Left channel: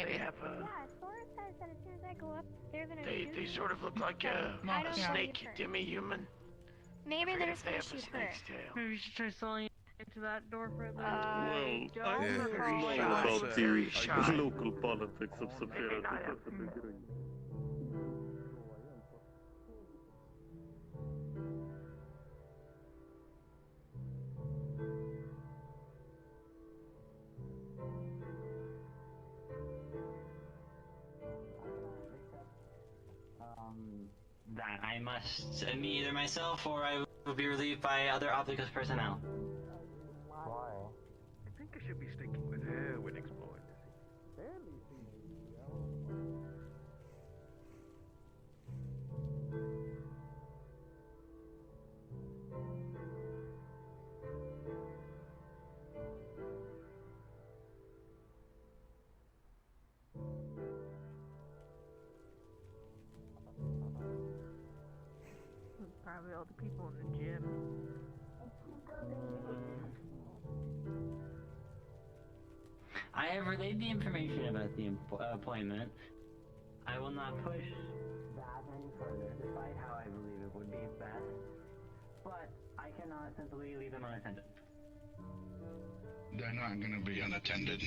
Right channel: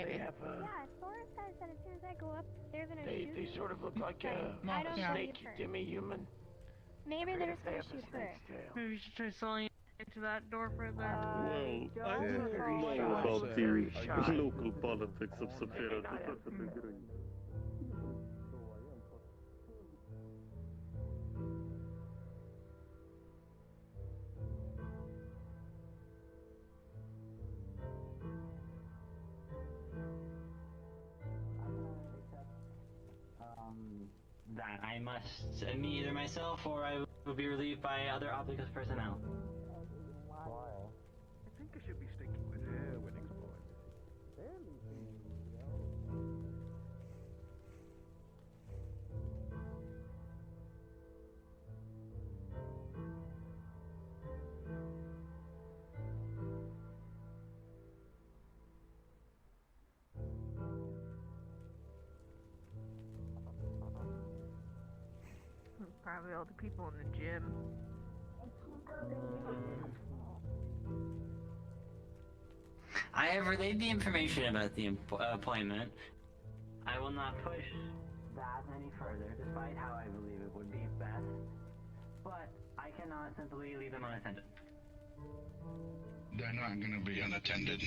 Maybe. They have, Yeah, Sora says that as soon as I go up, they're gonna shoot they me. sort of look like a I don't snake believe her. demi-human. Maybe they're just They gonna have a shoot her. snake's tail. Maybe we should try selling into that door for the... Well, I Yeah. don't Very know shy, about very the shy. local politics of Sapphira. That I must meet either myself or I will be relieved by other Opticus personnel. Why? I think I should be sticking with her when exploring. Probably all the people in the gym. I have relayed the information about the appointment. I will not push that any further, despite how I believe it would be best. But I cannot simply leave them unattended. They're not gonna be unattended.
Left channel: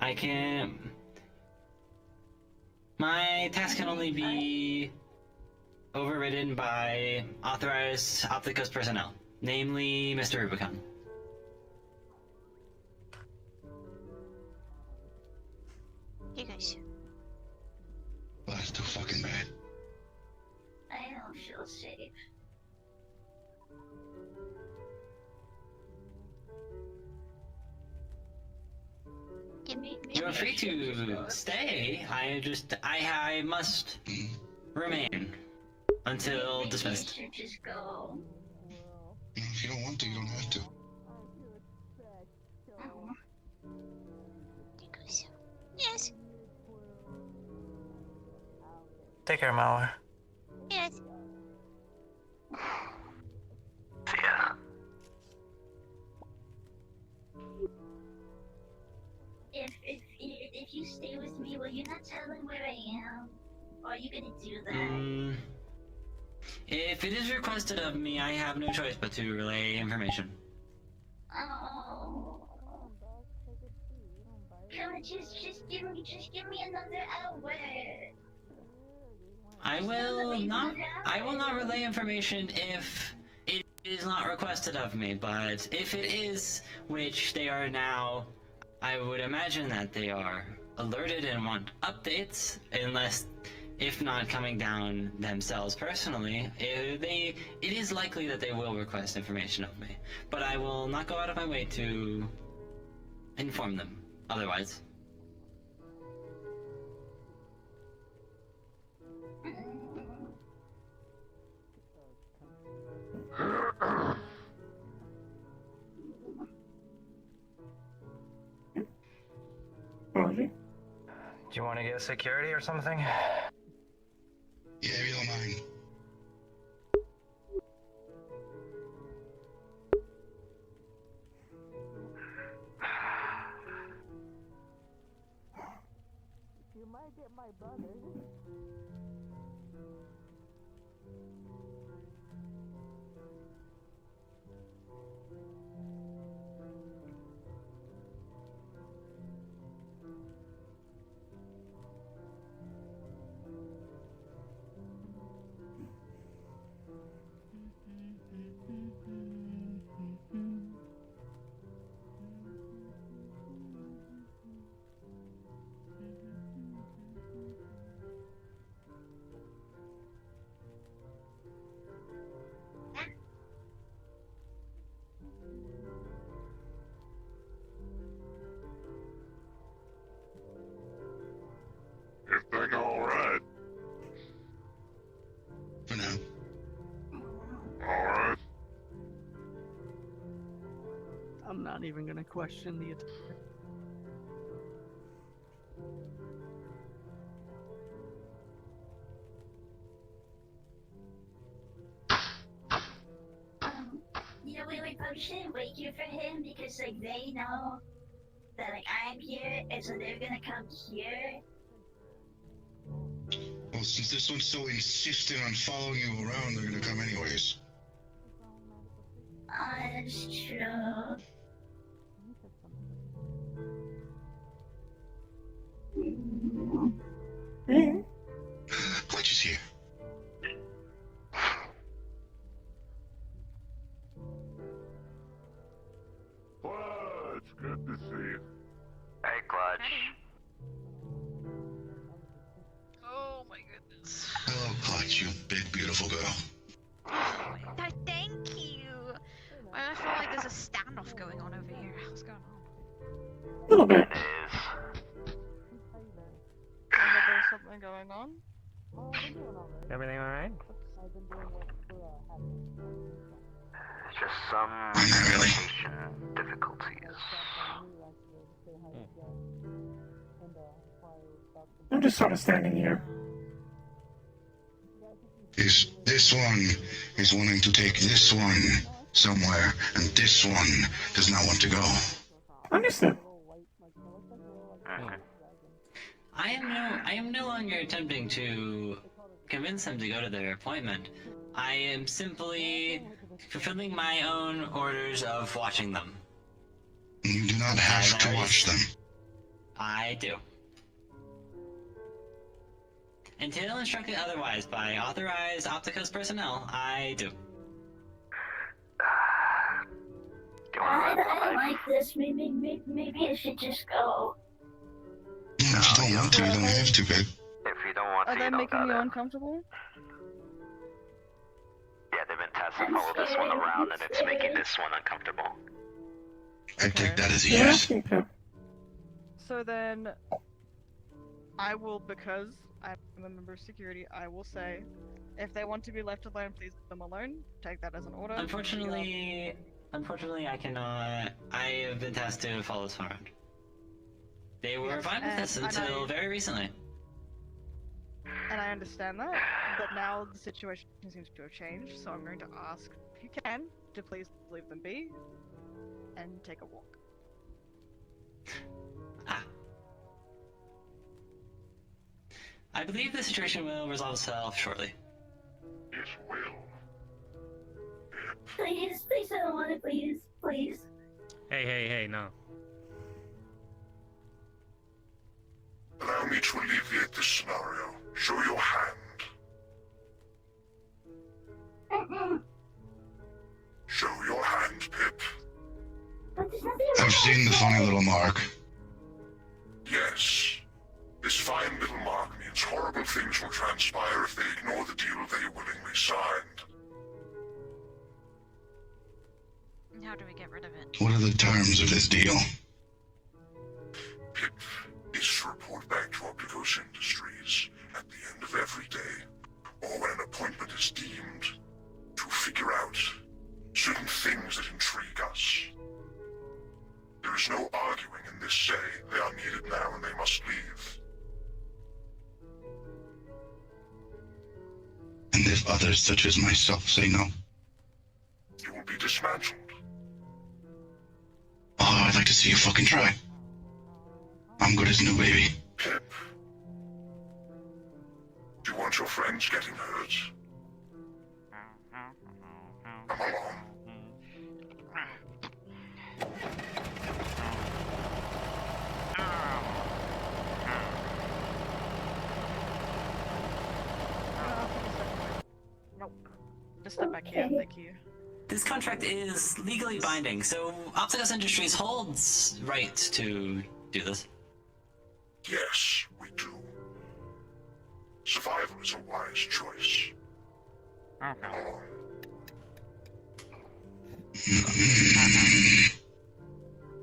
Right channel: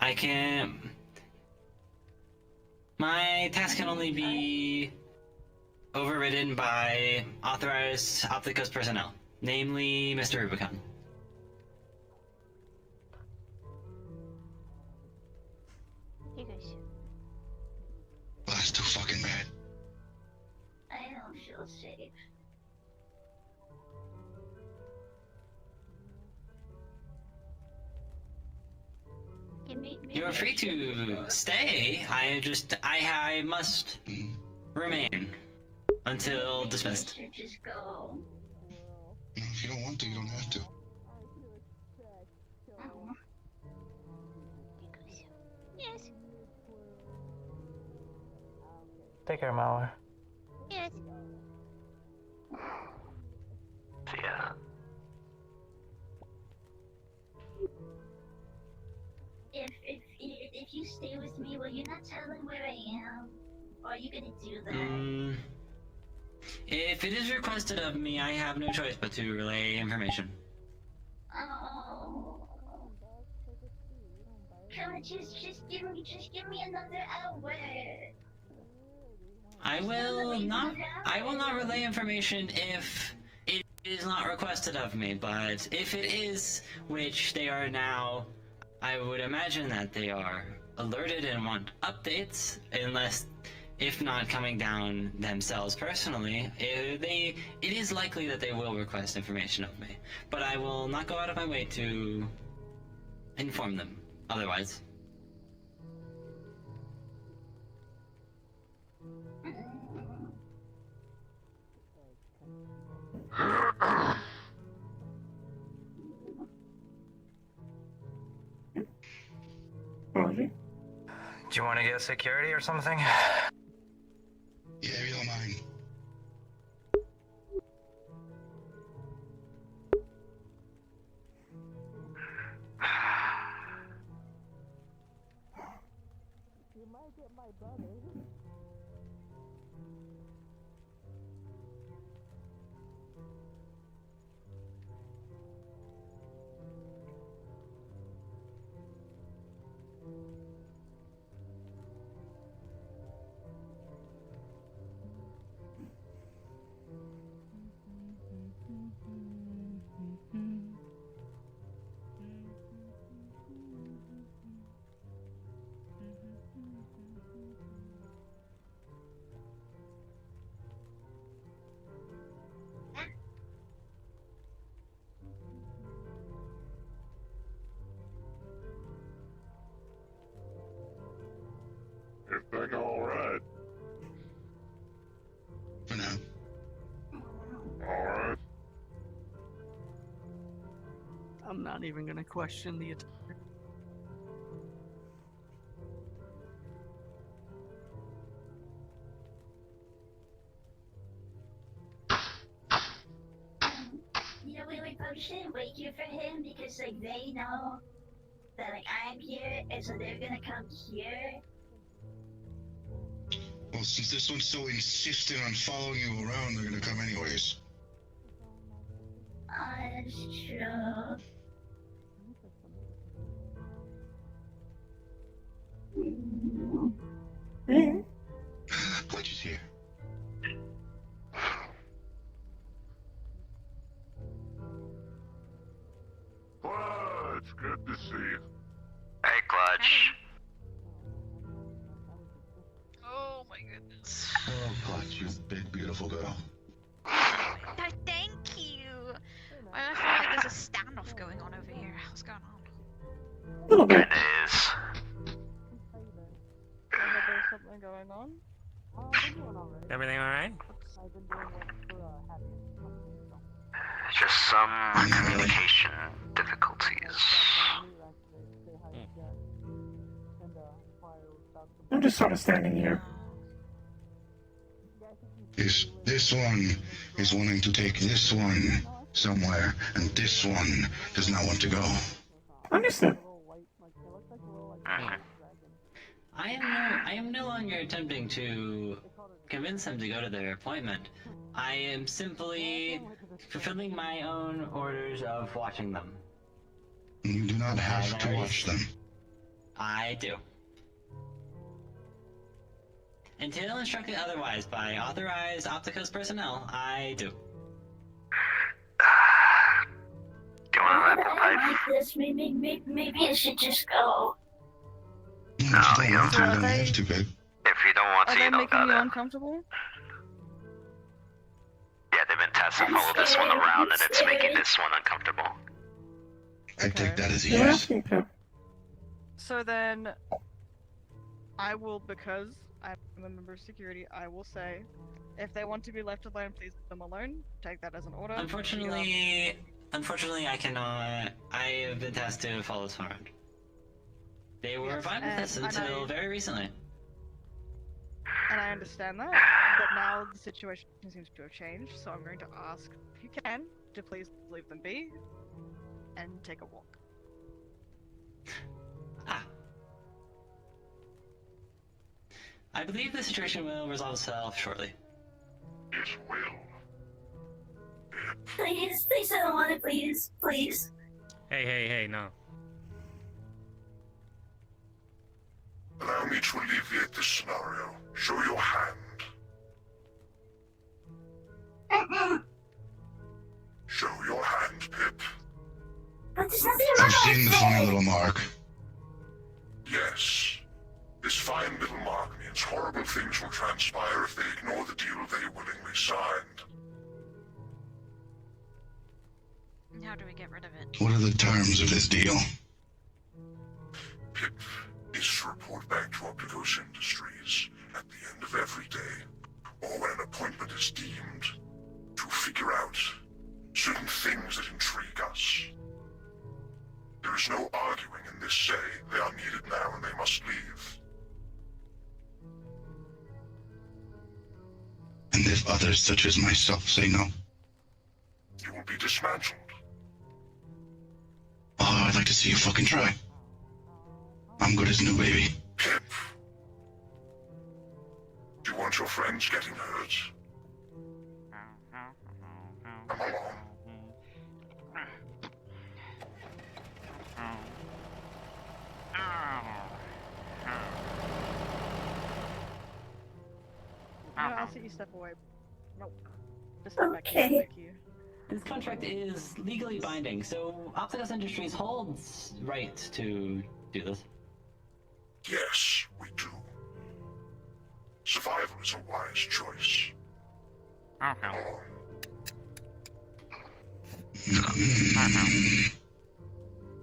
I can't... My task can only be overridden by authorized Opticus personnel, namely Mr. Rubicon. You guys. That's too fucking bad. I don't feel safe. You are free to stay. I must remain until dismissed. You should just go. If you don't want to, you don't have to. Oh. You guys. Yes. Take care, Mauer. Yes. See ya. If you stay with me, will you not tell them where I am? Or are you gonna do that? If it is requested of me, I have no choice but to relay information. Oh. Come on, just give me another hour. I will not relay information if it is not requested of me, but if it is, which they are now, I would imagine that they are alerted and want updates, unless, if not coming down themselves personally, it is likely that they will request information of me. But I will not go out of my way to inform them, otherwise. Do you want to get security or something? Yeah, if you don't mind. You might get my brother. Everything alright? For now. Alright. I'm not even gonna question the attack. Wait, shouldn't wait here for him because like they know that like I'm here, and so they're gonna come here. Well, since this one's so insistent on following you around, they're gonna come anyways. That's true. Glitch is here. Well, it's good to see you. Hey, Clutch. Oh my goodness. Hello, Clutch, you big, beautiful girl. Thank you. I feel like there's a standoff going on over here. What's going on? A little bit. It is. There's something going on. Everything alright? Just some Not really. communication difficulties. I'm just sort of standing here. This one is wanting to take this one somewhere, and this one does not want to go. Understood. I am no longer attempting to convince them to go to their appointment. I am simply fulfilling my own orders of watching them. You do not have to watch them. I do. Until instructed otherwise by authorized Opticos personnel, I do. Do you I want to don't like this. Maybe I should just go. Yeah, if you don't want to, you don't have to, babe. If you don't want to, Are you they don't making you gotta. uncomfortable? Yeah, they've been testing I'm all of this one scared, around, I'm and it's scared. making this one uncomfortable. I take that as a They're yes. asking to. So then, I will, because I'm a member of security, I will say, if they want to be left alone, please leave them alone. Take that as an order. Unfortunately, I cannot. I have been tasked to follow this around. They were Yes, fine with this and until I- very recently. And I understand that, but now the situation seems to have changed, so I'm going to ask, if you can, to please leave them be and take a walk. Ah. I believe the situation will resolve itself shortly. It will. Please, I don't want it. Please. Hey, no. Allow me to alleviate this scenario. Show your hand. Show your hand, Pip. But there's nothing I've seen the funny little mark. Yes. This fine little mark means horrible things will transpire if they ignore the deal they willingly signed. How do we get rid of it? What are the terms of this deal? Pip is to report back to Opticos Industries at the end of every day, or when an appointment is deemed, to figure out certain things that intrigue us. There is no arguing in this say. They are needed now and they must leave. And if others such as myself say no? You will be dismantled. Oh, I'd like to see you fucking try. I'm good as new, baby. Pip. Do you want your friends getting hurt? Come along. I'll take a step away. Nope. Just step back here, Okay. thank you. This contract is legally binding, so Opticos Industries holds right to do this. Yes, we do. Survival is a wise choice. Come along.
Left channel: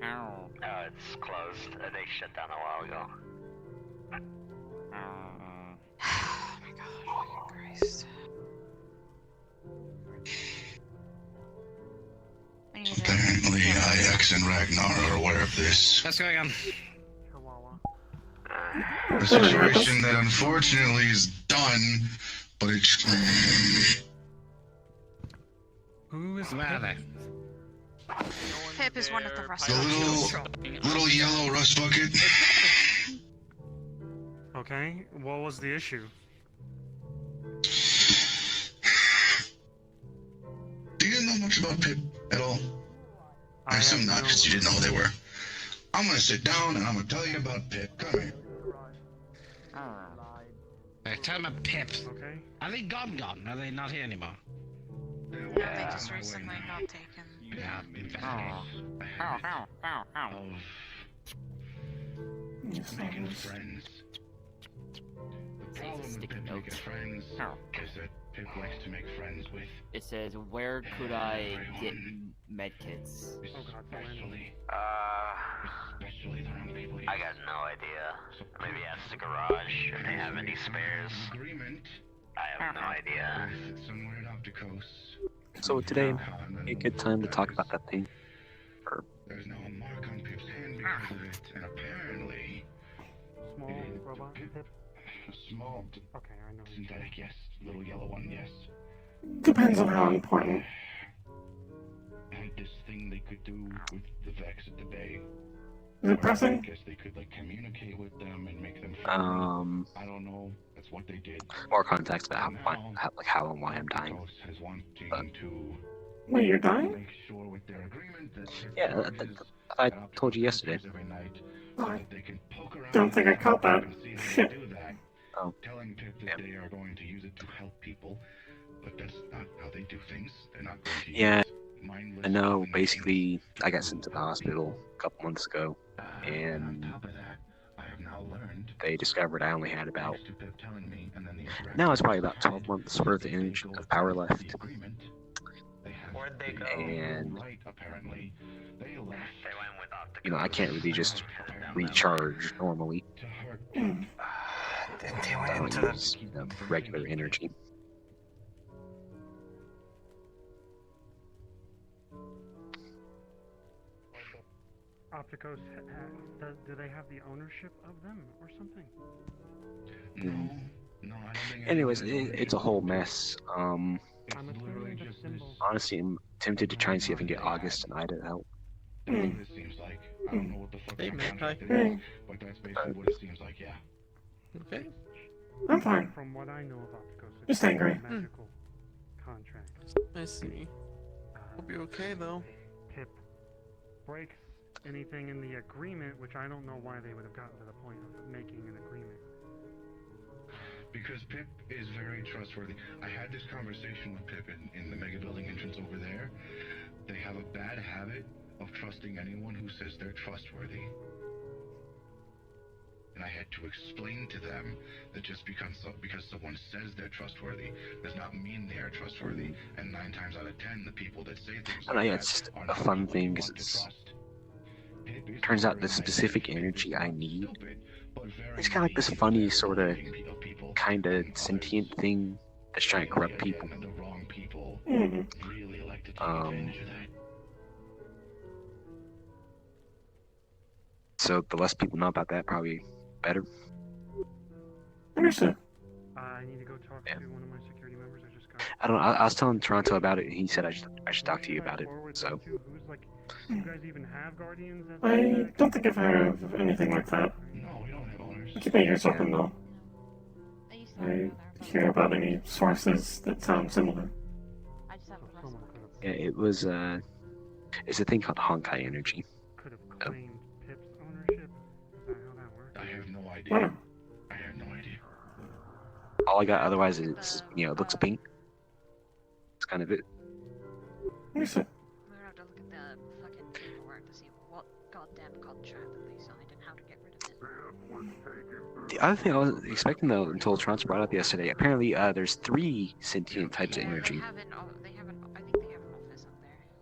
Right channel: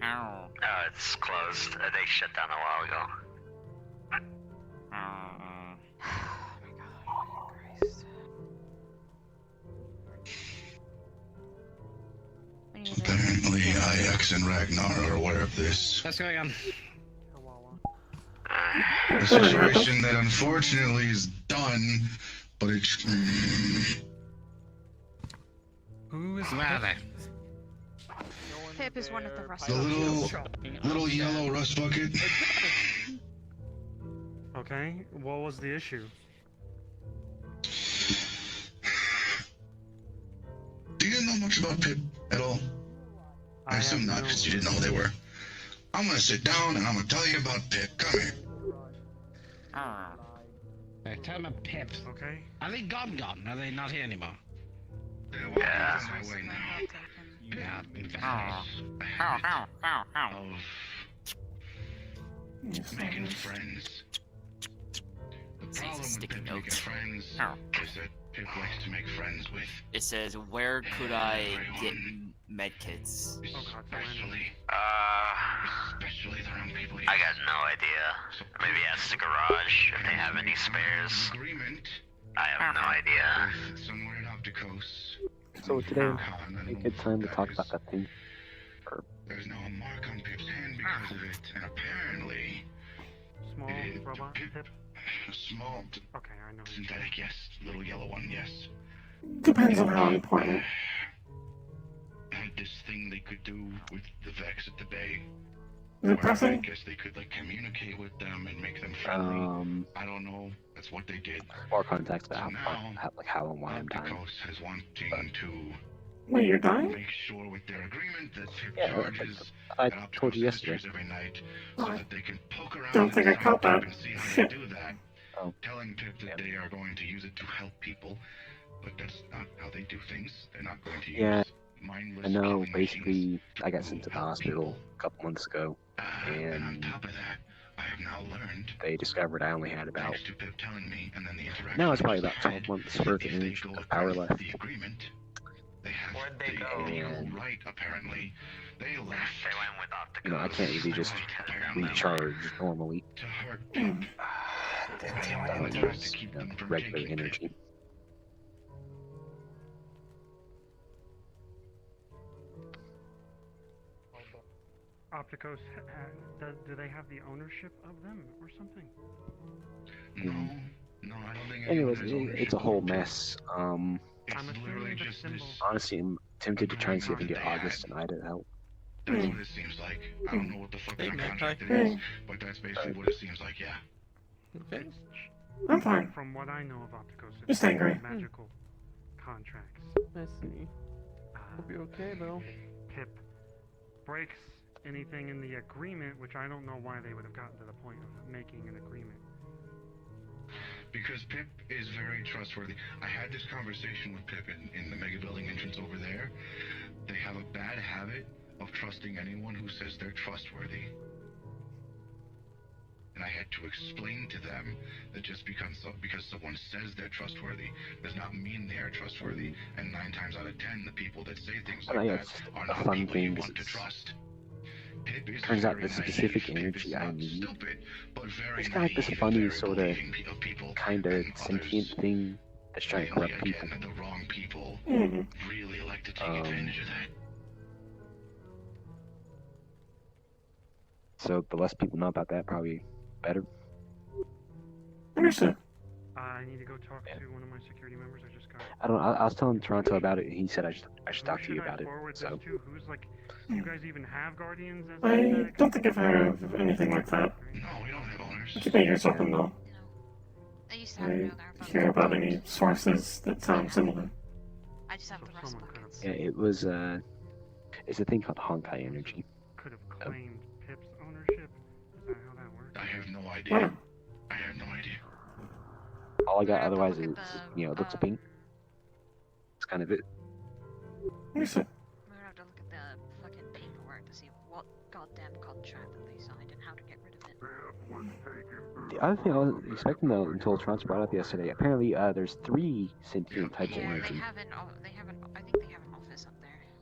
Oh, it's closed. They shut down a while ago. Christ. We need to- Apparently, Ix and Ragnar are aware of this. What's going on? A situation that unfortunately is done, but it's... Who is Pip? Pip is one of the rust The little yellow rust bucket. Okay, what was the issue? You didn't know much about Pip at all. I assume not, because you didn't know who they were. I'm gonna sit down and I'm gonna tell you about Pip. Come here. Tell me Pips. Okay. Are they gone? Are they not here anymore? They just recently got taken. Yeah, in fact. Making friends. The problem with Pip making friends is that Pip likes to make friends with. It says, where could I get medkits? Especially the wrong people. I got no idea. Maybe ask the garage if they have any spares. I have no idea. Somewhere in Opticos. So today, a good time to talk about that thing. There's now a mark on Pip's hand because of it, and apparently... Small robot Pip? Small... Okay, I know. Synthetic, yes. Little yellow one, yes. Depends on how important. Had this thing they could do with the Vex at the bay. Is it pressing? I guess they could, like, communicate with them and make them friendly. I don't know. That's what they did. More context about how and why I'm dying. Is wanting to... Wait, you're dying? Make sure with their agreement that Yeah, I told you yesterday. I don't think I caught that. Shit. Oh. Telling Pip that they are going to use it to help people, but that's not how they do things. They're not going to Yeah, use mindless... I know. Basically, I got sent to the hospital a couple months ago, and they discovered I only had about... Now it's probably about 12 months worth of energy of power left. Where'd they go? And, you know, I can't really just recharge normally. I don't use, you know, regular energy. Opticos, do they have the ownership of them or something? No, I don't think... Anyways, it's a whole mess. It's literally just this... Honestly, I'm tempted to try and see if I can get August and Ida to help. That's what it seems like. I don't know what the fuck Hey, their Magpie. contract is, but that's basically what it seems like, yeah. Okay. I'm fine. From what I know of Opticos, Just angry. a magical contract. I see. Hope you're okay though. Pip breaks anything in the agreement, which I don't know why they would have gotten to the point of making an agreement. Because Pip is very trustworthy. I had this conversation with Pip in the mega building entrance over there. They have a bad habit of trusting anyone who says they're trustworthy. And I had to explain to them that just because someone says they're trustworthy does not mean they are trustworthy. And 9 times out of 10, the people that say things like that It's just are a not fun people thing you because want to it's... trust. Turns out the specific energy I need is kind of like this funny sort of kind of sentient thing that's trying to corrupt people. So the less people know about that, probably better. Understood. I need to go talk to one of my security members. I just got... I don't know. I was telling Toronto about it, and he said I should talk to you about it. So. Who's like, you guys even have guardians? I don't think I've heard of anything like that. You may hear something though. I hear about any sources that sound similar. I just have the rest buckets. Yeah, it was it's a thing called Honkai energy. Could have claimed Pip's ownership. Is that how that works? I have no idea. Wow. I have no idea. All I got otherwise is, you know, it looks pink. That's kind of it. Understood. We're gonna have to look at the fucking paperwork to see what goddamn contract that they signed and how to get rid of it. The other thing I wasn't expecting though until Toronto brought up yesterday, apparently there's 3 sentient types of energy. They have an, I think they have an office up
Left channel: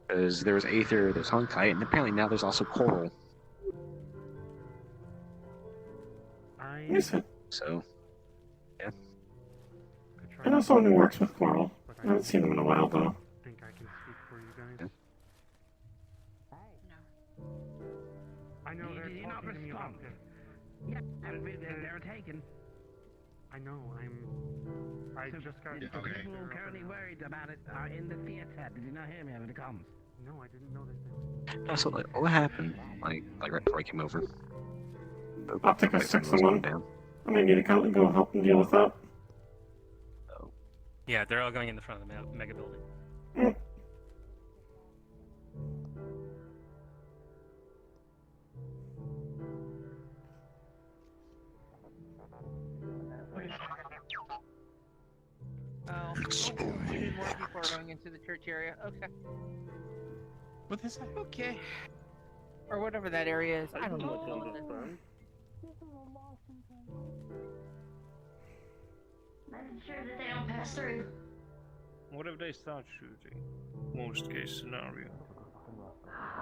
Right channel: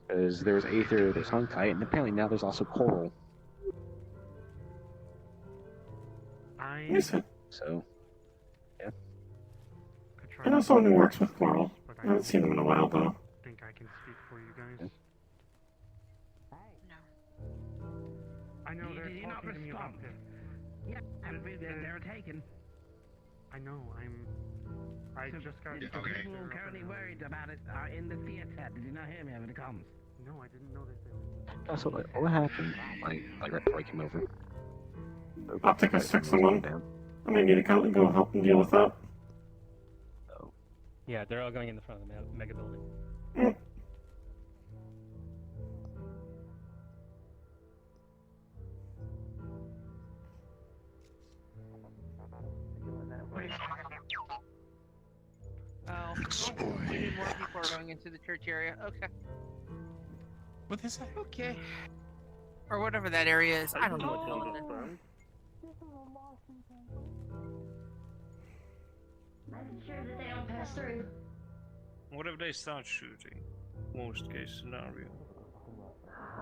there. There's Aether, there's Honkai, and apparently now there's also Coral. Understood. So, yeah. I know someone who works with Coral. I haven't seen them in a while though. Think I can speak for you guys? No. I know they're talking to me about Pip. Yeah, they're taken. I know, I just got... The people currently worried about it are in the theater. Did you not hear me over the comms? No, I didn't know that they were. No, so like, what happened? Like right before I came over. Optica 6-1. I may need to go help and deal with that. Yeah, they're all going in the front of the mega building. Oh, okay. More people are going into the church area. Okay. What is that? Okay. Or whatever that area is. I don't know. Making sure that they don't pass through. What if they start shooting? Worst case scenario.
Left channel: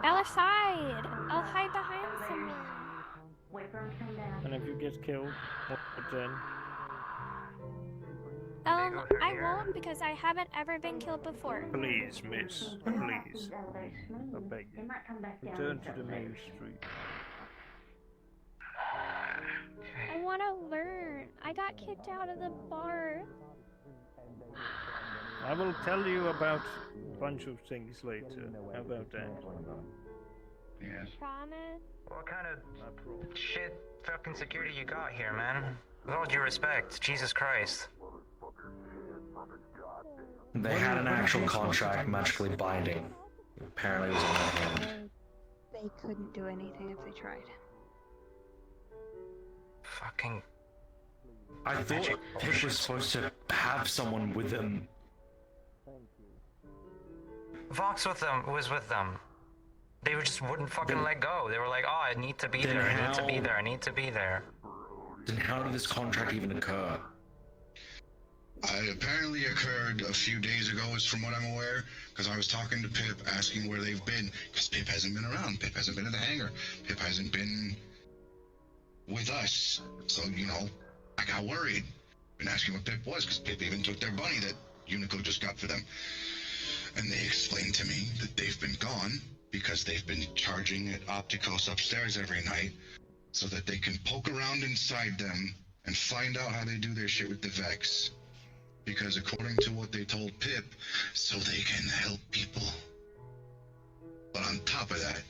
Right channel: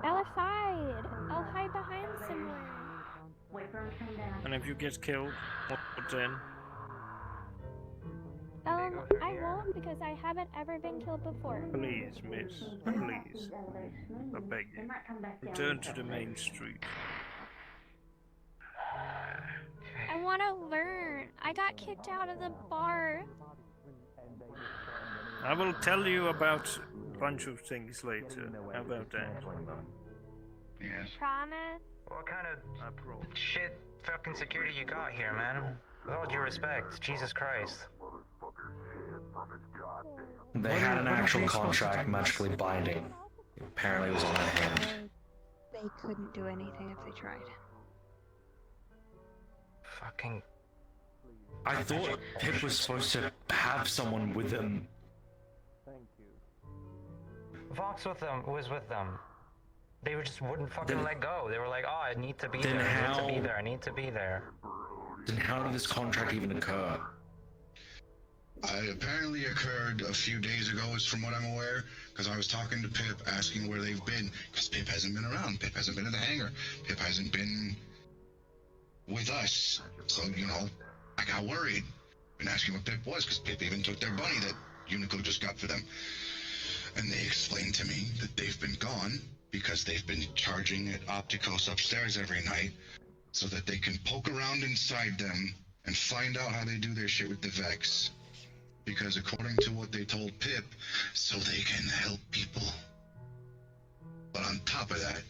Outside! I'll hide behind somewhere. Wait for him to come down. And if you get killed, what then? I won't because I haven't ever been killed before. Please, miss. Please. I beg you. Return to the main street. I want to learn. I got kicked out of the bar. I will tell you about a bunch of things later. How about that? Yes. Promise? What kind of shit fucking security you got here, man? With all due respect, Jesus Christ. They had an actual contract magically binding. Apparently it was on their hands. They couldn't do anything if they tried. Fucking... I thought Pip was supposed to have someone with him. Vox was with them. They just wouldn't fucking Then- let go. They were like, oh, I need to be Then there, I need to be how- there, I need to be there. Then how did this contract even occur? It apparently occurred a few days ago, is from what I'm aware, because I was talking to Pip, asking where they've been, because Pip hasn't been around. Pip hasn't been at the hangar. Pip hasn't been with us. So, you know, I got worried. Been asking what Pip was, because Pip even took their bunny that Unico just got for them. And they explained to me that they've been gone because they've been charging at Opticos upstairs every night so that they can poke around inside them and find out how they do their shit with the Vex. Because according to what they told Pip, so they can help people. But on top of that,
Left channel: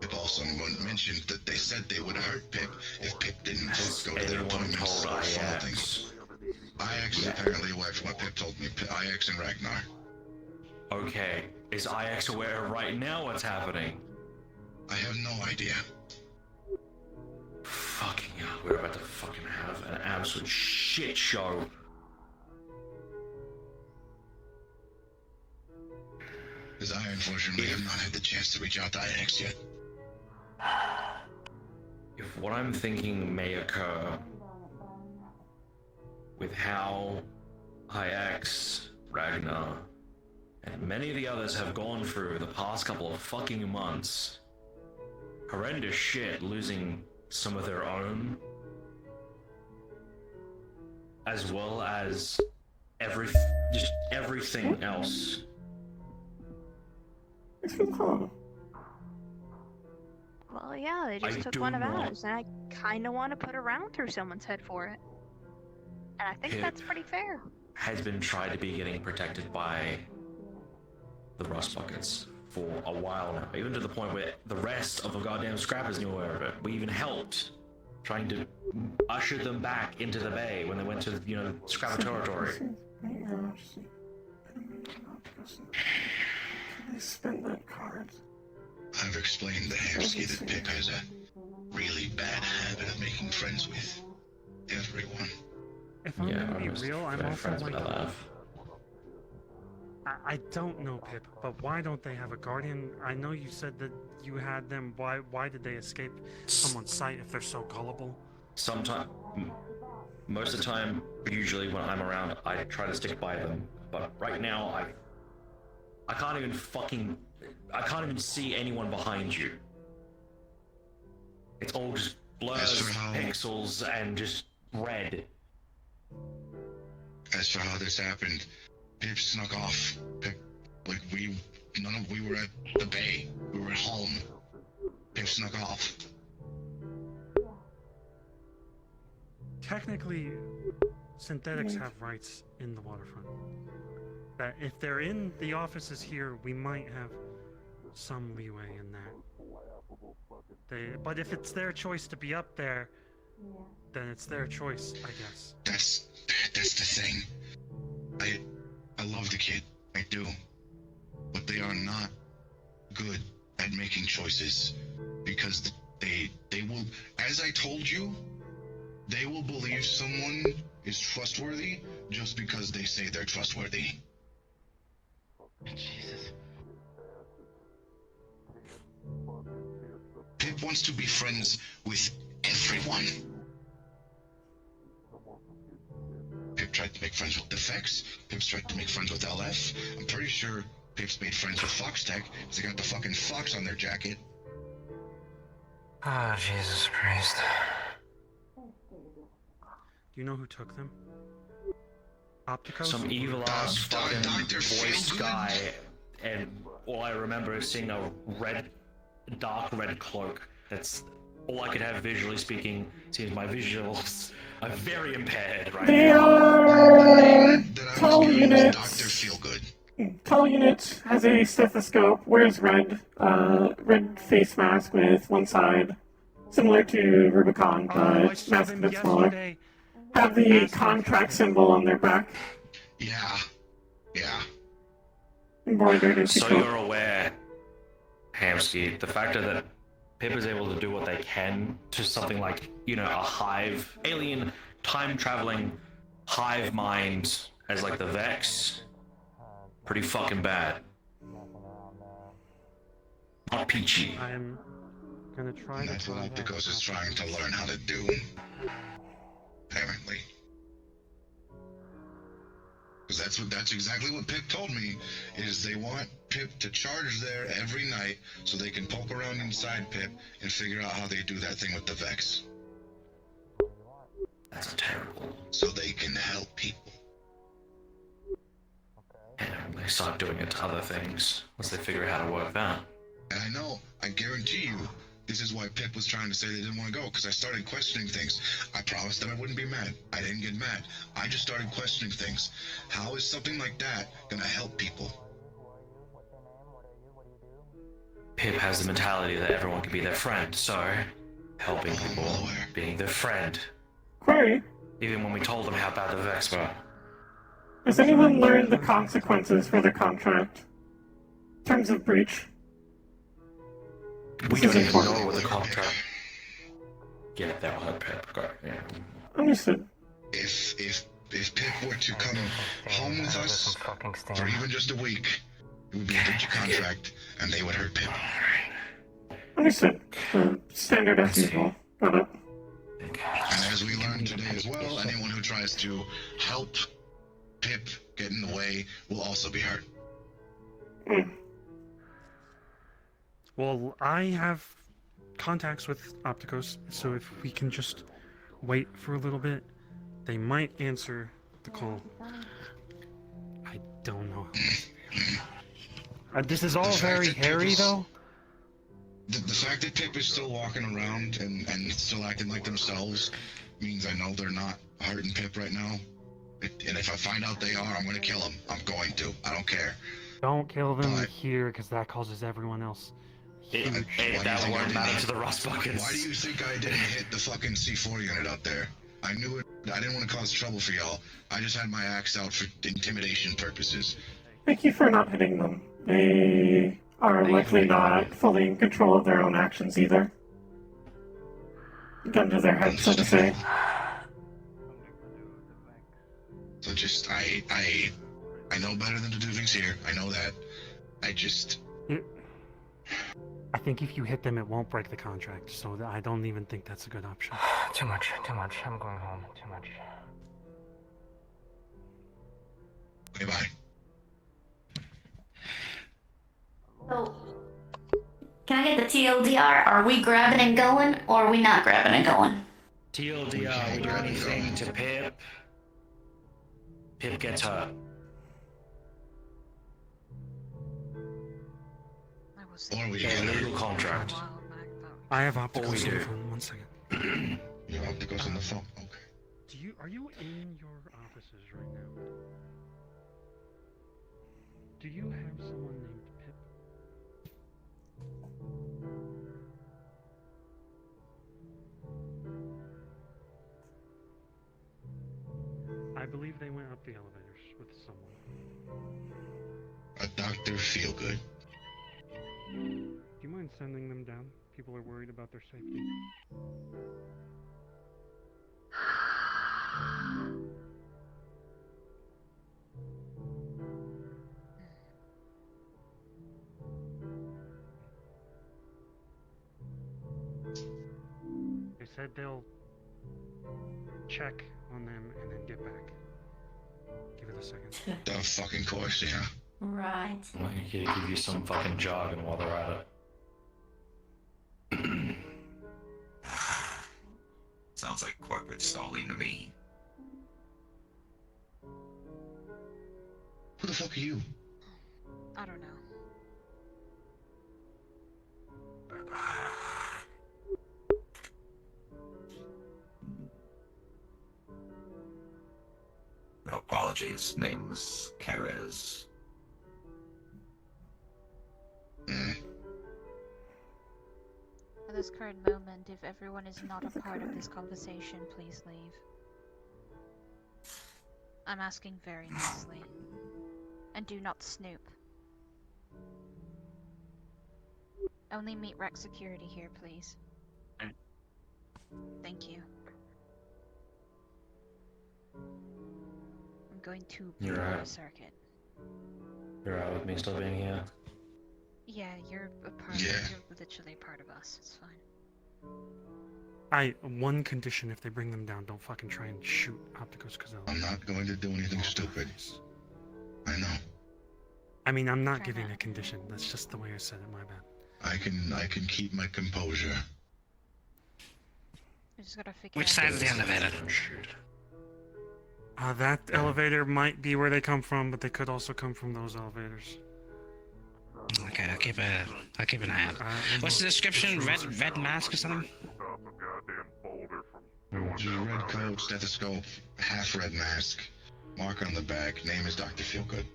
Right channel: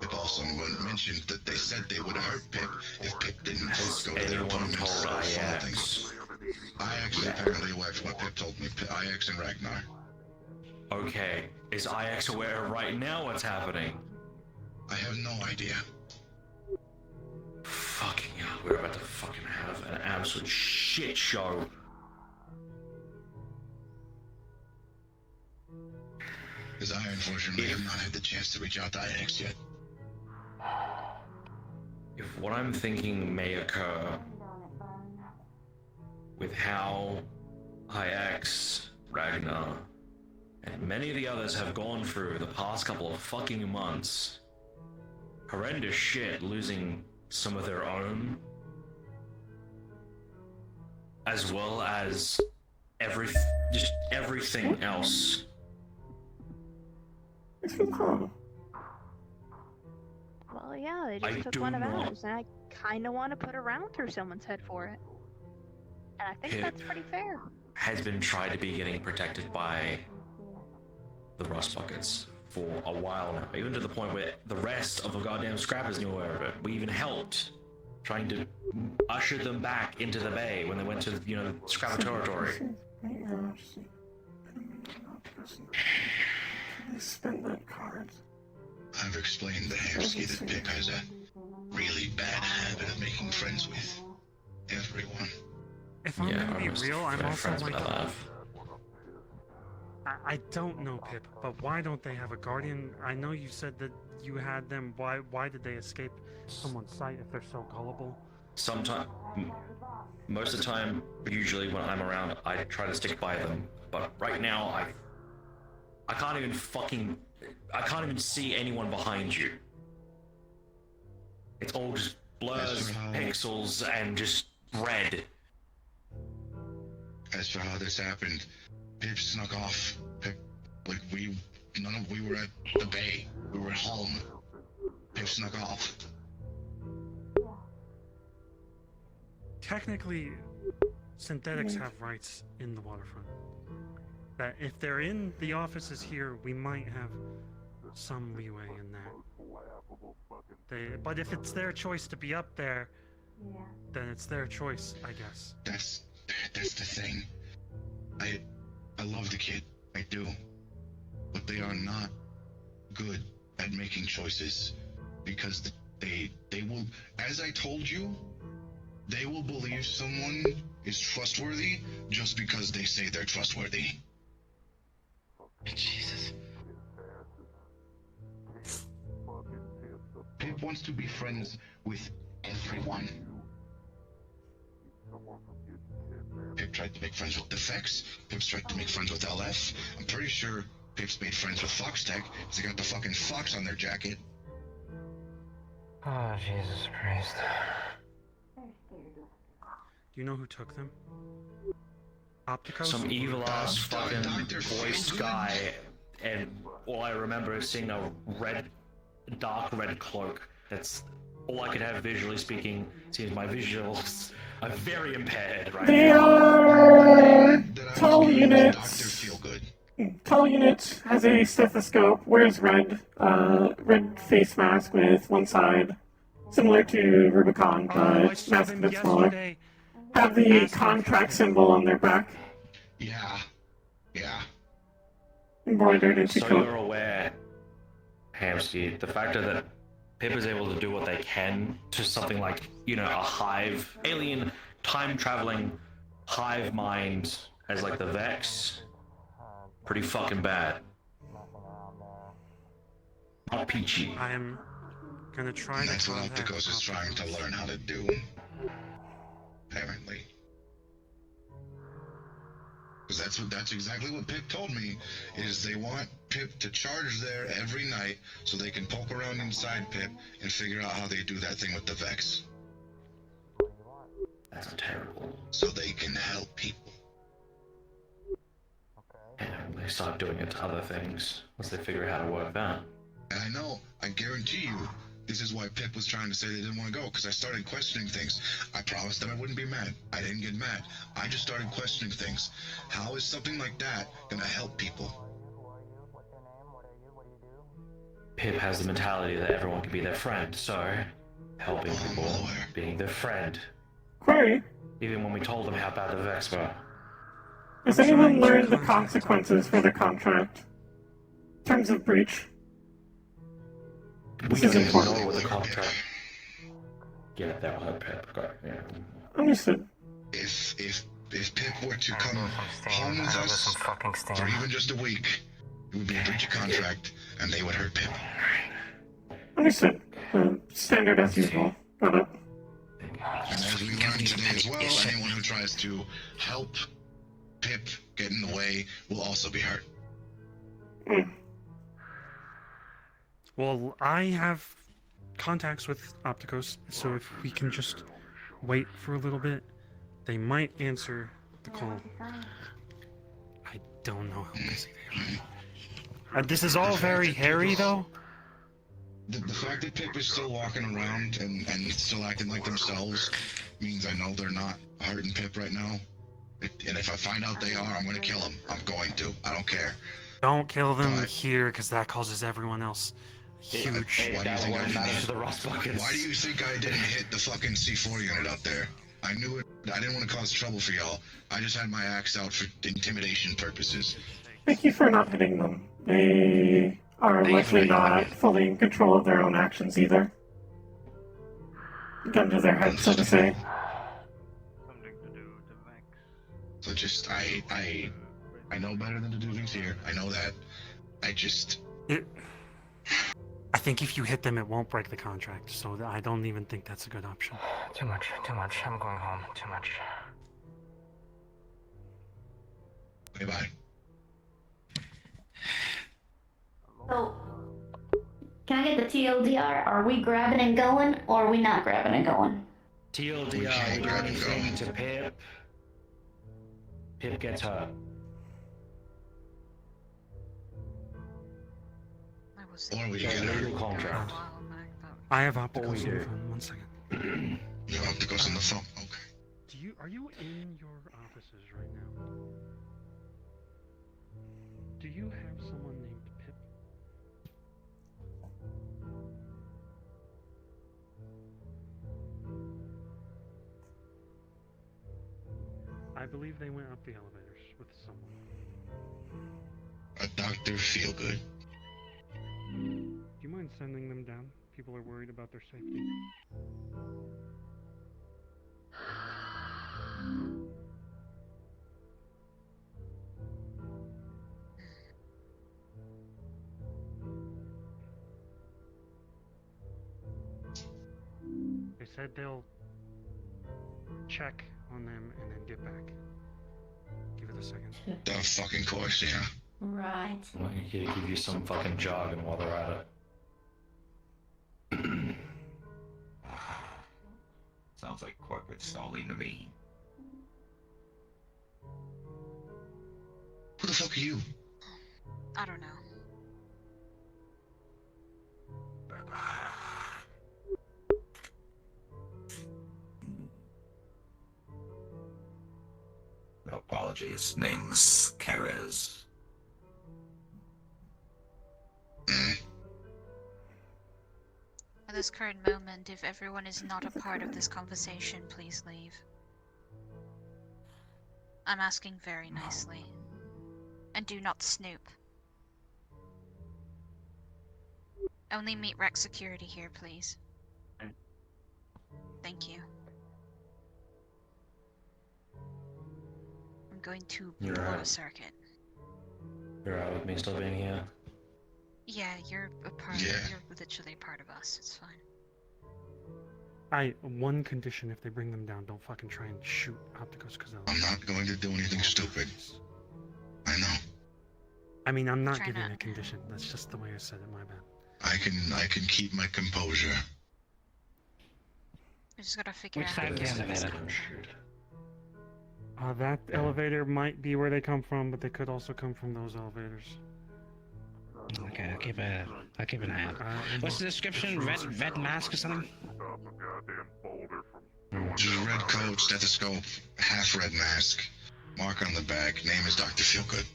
Pip also mentioned that they said they would hurt Pip if Pip didn't go to their Anyone appointments. told IX? IX is apparently aware from what Pip told me. IX and Ragnar. Okay, is IX aware right now what's happening? I have no idea. Fucking hell, we're about to fucking have an absolute shit show. Because I unfortunately have not had the chance to reach out to IX yet. If what I'm thinking may occur with how IX, Ragnar, and many of the others have gone through the past couple of fucking months, horrendous shit, losing some of their own, as well as just everything else. Well, yeah, they I just took do one of not- ours, and I kind of want to put a round through someone's head for it. And I think Pip that's pretty fair. has been tried to be getting protected by the Rust Buckets for a while now, even to the point where the rest of the goddamn scrappers knew aware of it. We even helped trying to usher them back into the bay when they went to, scrapper territory. Can I spend that card? I've explained to Hamsky that Pip has a really bad habit of making friends with everyone. If I'm gonna be real, I'm also like... I don't know, Pip, but why don't they have a guardian? I know you said that you had them. Why did they escape someone's sight if they're so gullible? Most of the time, usually when I'm around, I try to stick by them. But right now, I can't even see anyone behind you. It's all just blurs, pixels, and just red. As for how this happened, Pip snuck off. Pip, we were at the bay. We were at home. Pip snuck off. Technically, synthetics have rights in the waterfront. That if they're in the offices here, we might have some leeway in that. But if it's their choice to be up there, then it's their choice, I guess. That's the thing. I love the kid. I do. But they are not good at making choices. Because they will, as I told you, they will believe someone is trustworthy just because they say they're trustworthy. Jesus. Pip wants to be friends with everyone. Pip tried to make friends with the Vex. Pip's tried to make friends with LF. I'm pretty sure Pip's made friends with Foxtech because they got the fucking fox on their jacket. Oh, Jesus Christ. Do you know who took them? Optico? Some evil ass fucking voiced guy, and all I remember is seeing a dark red cloak. That's all I could have visually speaking. Seems my visuals are very impaired right They now. are tall units. Tall unit has a stethoscope, wears red face mask with one side, similar to Rubicon, but mask a bit smaller. Have the contract symbol on their back. Yeah. Embroidered into So coat. you're aware, Hamsky, the fact that Pip is able to do what they can to something like, a hive, alien, time-traveling hive mind as like the Vex, pretty fucking bad. Not peachy. I'm gonna try to. That's what Opticos is trying to learn how to do. Apparently. Because that's exactly what Pip told me, is they want Pip to charge there every night so they can poke around inside Pip and figure out how they do that thing with the Vex. That's terrible. So they can help people. And they start doing it to other things once they figure out how to work that. And I know, I guarantee you, this is why Pip was trying to say they didn't want to go, because I started questioning things. I promised that I wouldn't be mad. I didn't get mad. I just started questioning things. How is something like that going to help people? Pip has the mentality that everyone can be their friend, so helping people, being their friend. Query. Even when we told them how bad the Vex were. Has anyone learned the consequences for the contract? In terms of breach? This is important. Know with the contract. Yeah, that'll help Pip. Yeah. Understood. If Pip were to come home with us for even just a week, it would be a breach of contract, and they would hurt Pip. Understood. Standard as usual. Got it. And as we learned today as well, anyone who tries to help Pip get in the way will also be hurt. Well, I have contacts with Opticos, so if we can just wait for a little bit, they might answer the call. I don't know. This is all very hairy, though. The fact that Pip is still walking around and still acting like themselves means I know they're not hurting Pip right now. And if I find out they are, I'm going to kill them. I'm going to. I don't care. Don't kill them here, because that causes everyone else huge. Why do you think I didn't hit the fucking C4 unit up there? I knew it. I didn't want to cause trouble for y'all. I just had my axe out for intimidation purposes. Thank you for not hitting them. They are likely not fully in control of their own actions either. Gun to their head, so to say. So just, I know better than to do things here. I know that. I think if you hit them, it won't break the contract, so I don't even think that's a good option. Too much. I'm going home. Too much. Okay, bye. So, can I get the TLDR? Are we grabbing and going, or are we not grabbing and going? TLDR, we do anything to Pip. Pip gets hurt. Or we get a legal contract. I have Opticos on the phone. 1 second. You have Opticos on the phone? Okay. Are you in your offices right now? Do you have someone named Pip? I believe they went up the elevators with someone. A Dr. Feelgood. Do you mind sending them down? People are worried about their safety. They said they'll check on them and then get back. Give it a second. The fucking course, yeah. Right. Well, you gotta give you some fucking jargon while they're at it. Sounds like corporate stalling to me. Who the fuck are you? I don't know. No apologies. Name's Carez. At this current moment, if everyone is not a part of this conversation, please leave. I'm asking very nicely. And do not snoop. Only meet Rec Security here, please. Thank you. I'm going to You're blow right. a circuit. You're out with me still being here. Yeah, you're a part. Yeah. You're literally a part of us. It's fine. One condition: if they bring them down, don't fucking try and shoot Opticos because I'm not going to do anything stupid. I know. I mean, I'm not Try giving not. a condition. That's just the way I said it. My bad. I can keep my composure. We just gotta figure Which out. side's the elevator? That elevator might be where they come from, but they could also come from those elevators. Okay, I'll keep an eye out. What's the description? Red mask or something? Just red coat, stethoscope, half red mask. Mark on the back. Name is Dr. Feelgood.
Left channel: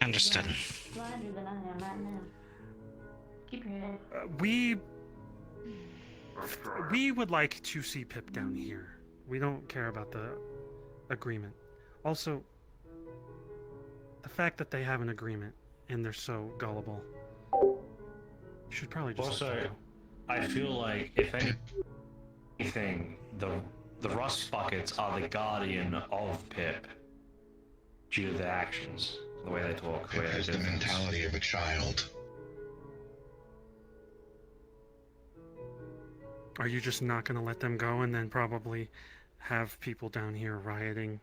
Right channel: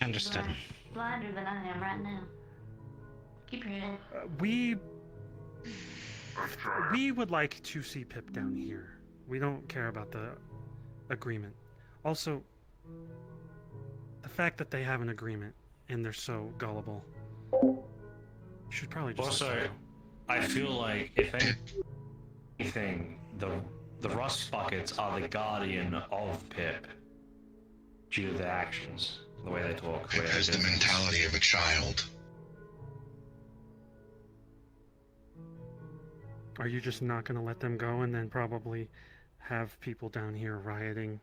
Understood. Blinder than I am right now. Keep your head. We would like to see Pip down here. We don't care about the agreement. Also, the fact that they have an agreement and they're so gullible, you should probably just let Also, them go. I feel like if anything, the rust buckets are the guardian of Pip due to their actions, the way they talk, the way Pip they has do the things. mentality of a child. Are you just not going to let them go and then probably have people down here rioting?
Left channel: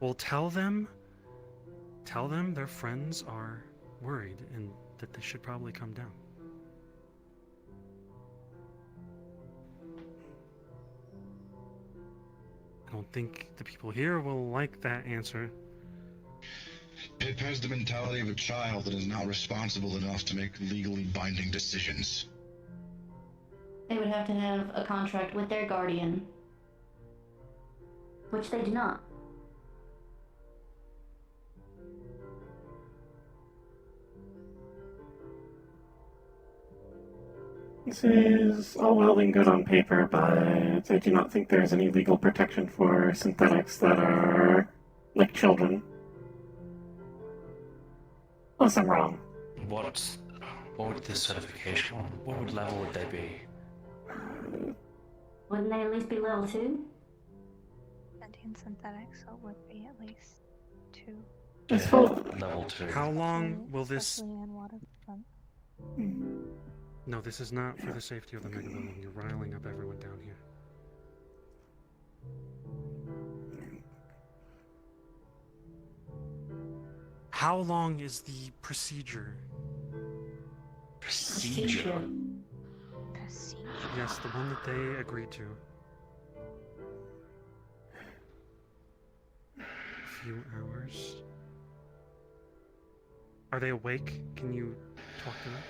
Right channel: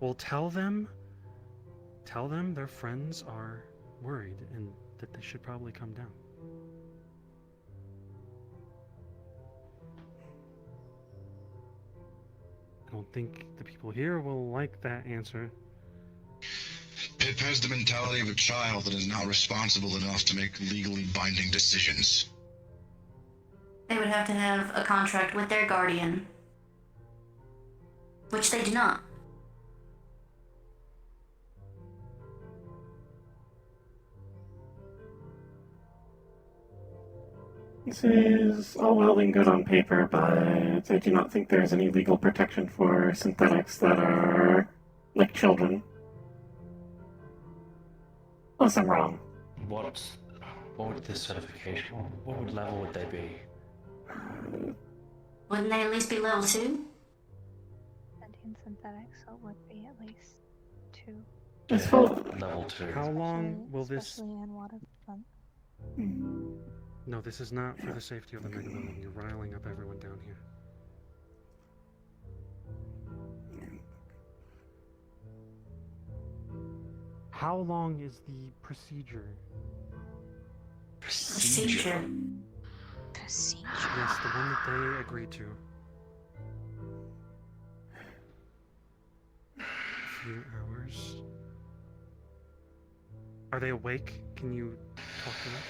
Well, tell them their friends are worried and that they should probably come down. I don't think the people here will like that answer. Pip has the mentality of a child that is not responsible enough to make legally binding decisions. They would have to have a contract with their guardian, which they do not. This is all well and good on paper, but I do not think there's any legal protection for synthetics that are like children. Unless I'm wrong. What would the certification? What level would they be? Wouldn't they at least be level 2? Sentient synthetics, so it would be at least 2. It's full. Level 2. How long will this... Especially in waterfront. No, this is not for the safety of the mega building. You're riling up everyone down here. How long is the procedure? Procedure? Procedure? Yes, the one that they agreed to. A few hours. Are they awake? Can you talk to them?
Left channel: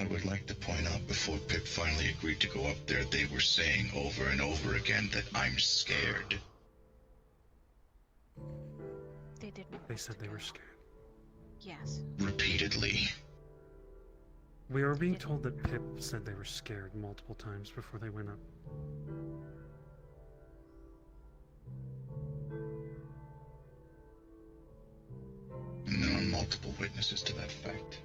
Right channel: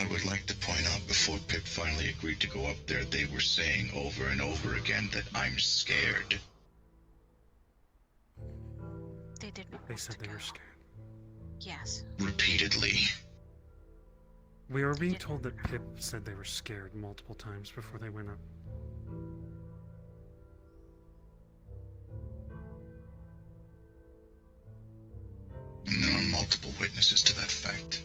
I would like to point out before Pip finally agreed to go up there, they were saying over and over again that I'm scared. did not. They said they were scared. Yes. Repeatedly. We were being told that Pip said they were scared multiple times before they went up. And there are multiple witnesses to that fact.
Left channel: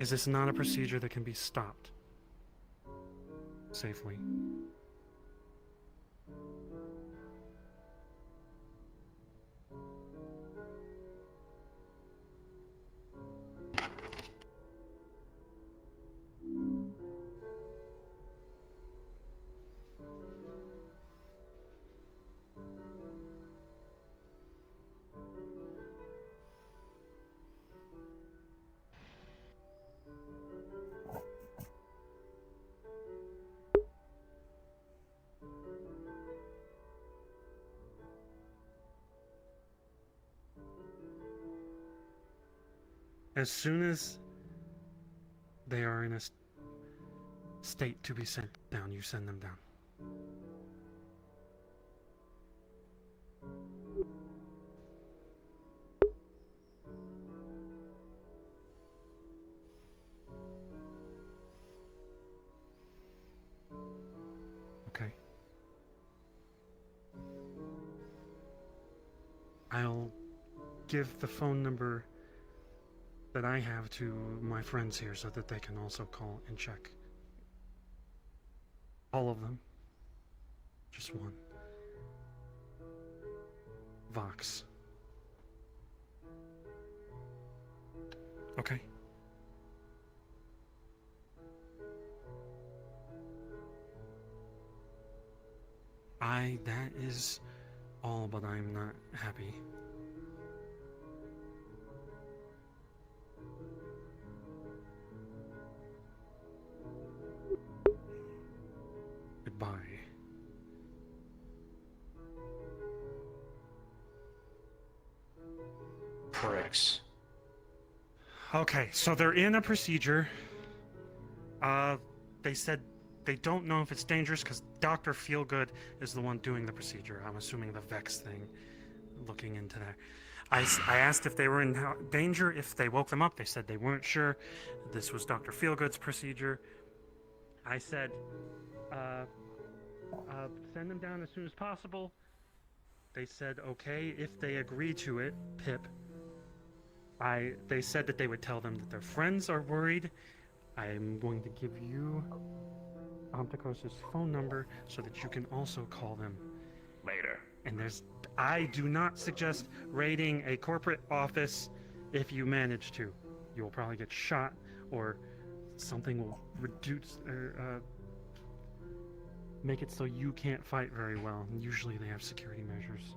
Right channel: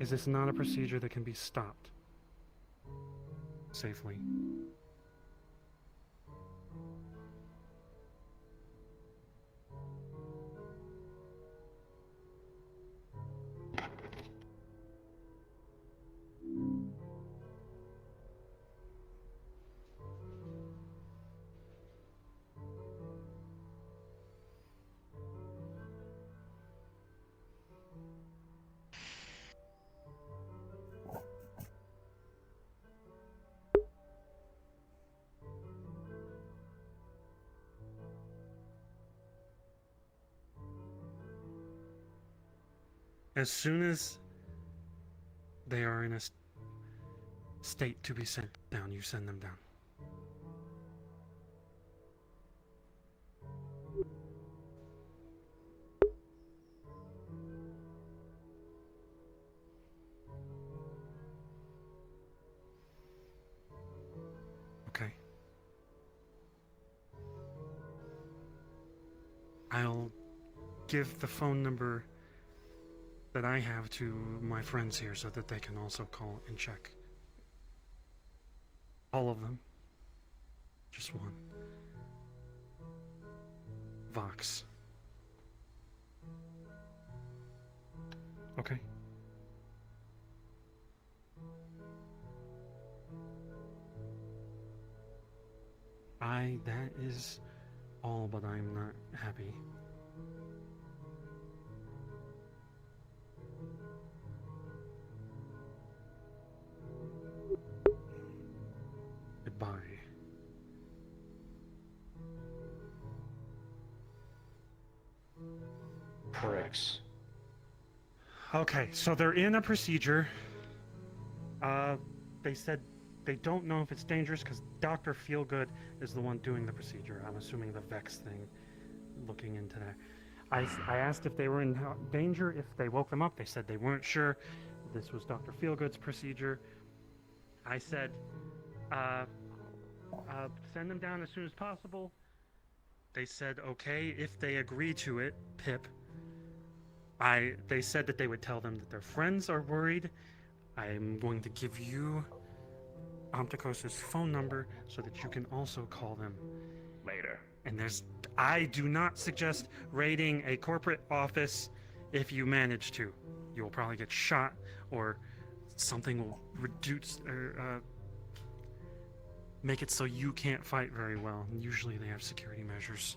Is this not a procedure that can be stopped safely? As soon as they are in a state to be sent down, you send them down. Okay. I'll give the phone number that I have to my friends here so that they can also call and check. All of them. Just one. Vox. Okay. That is all, but I'm not happy. Goodbye. Pricks. Okay, so they're in a procedure. They said they don't know if it's dangerous because Dr. Feelgood is the one doing the procedure. I'm assuming the Vex thing, looking into that. I asked if they were in danger, if they woke them up. They said they weren't sure. This was Dr. Feelgood's procedure. I said, send them down as soon as possible. They said, okay, if they agree to it, Pip. They said that they would tell them that their friends are worried. I'm going to give you Omticos' phone number so that you can also call them later. And I do not suggest raiding a corporate office if you manage to. You'll probably get shot or something will reduce or make it so you can't fight very well. And usually they have security measures.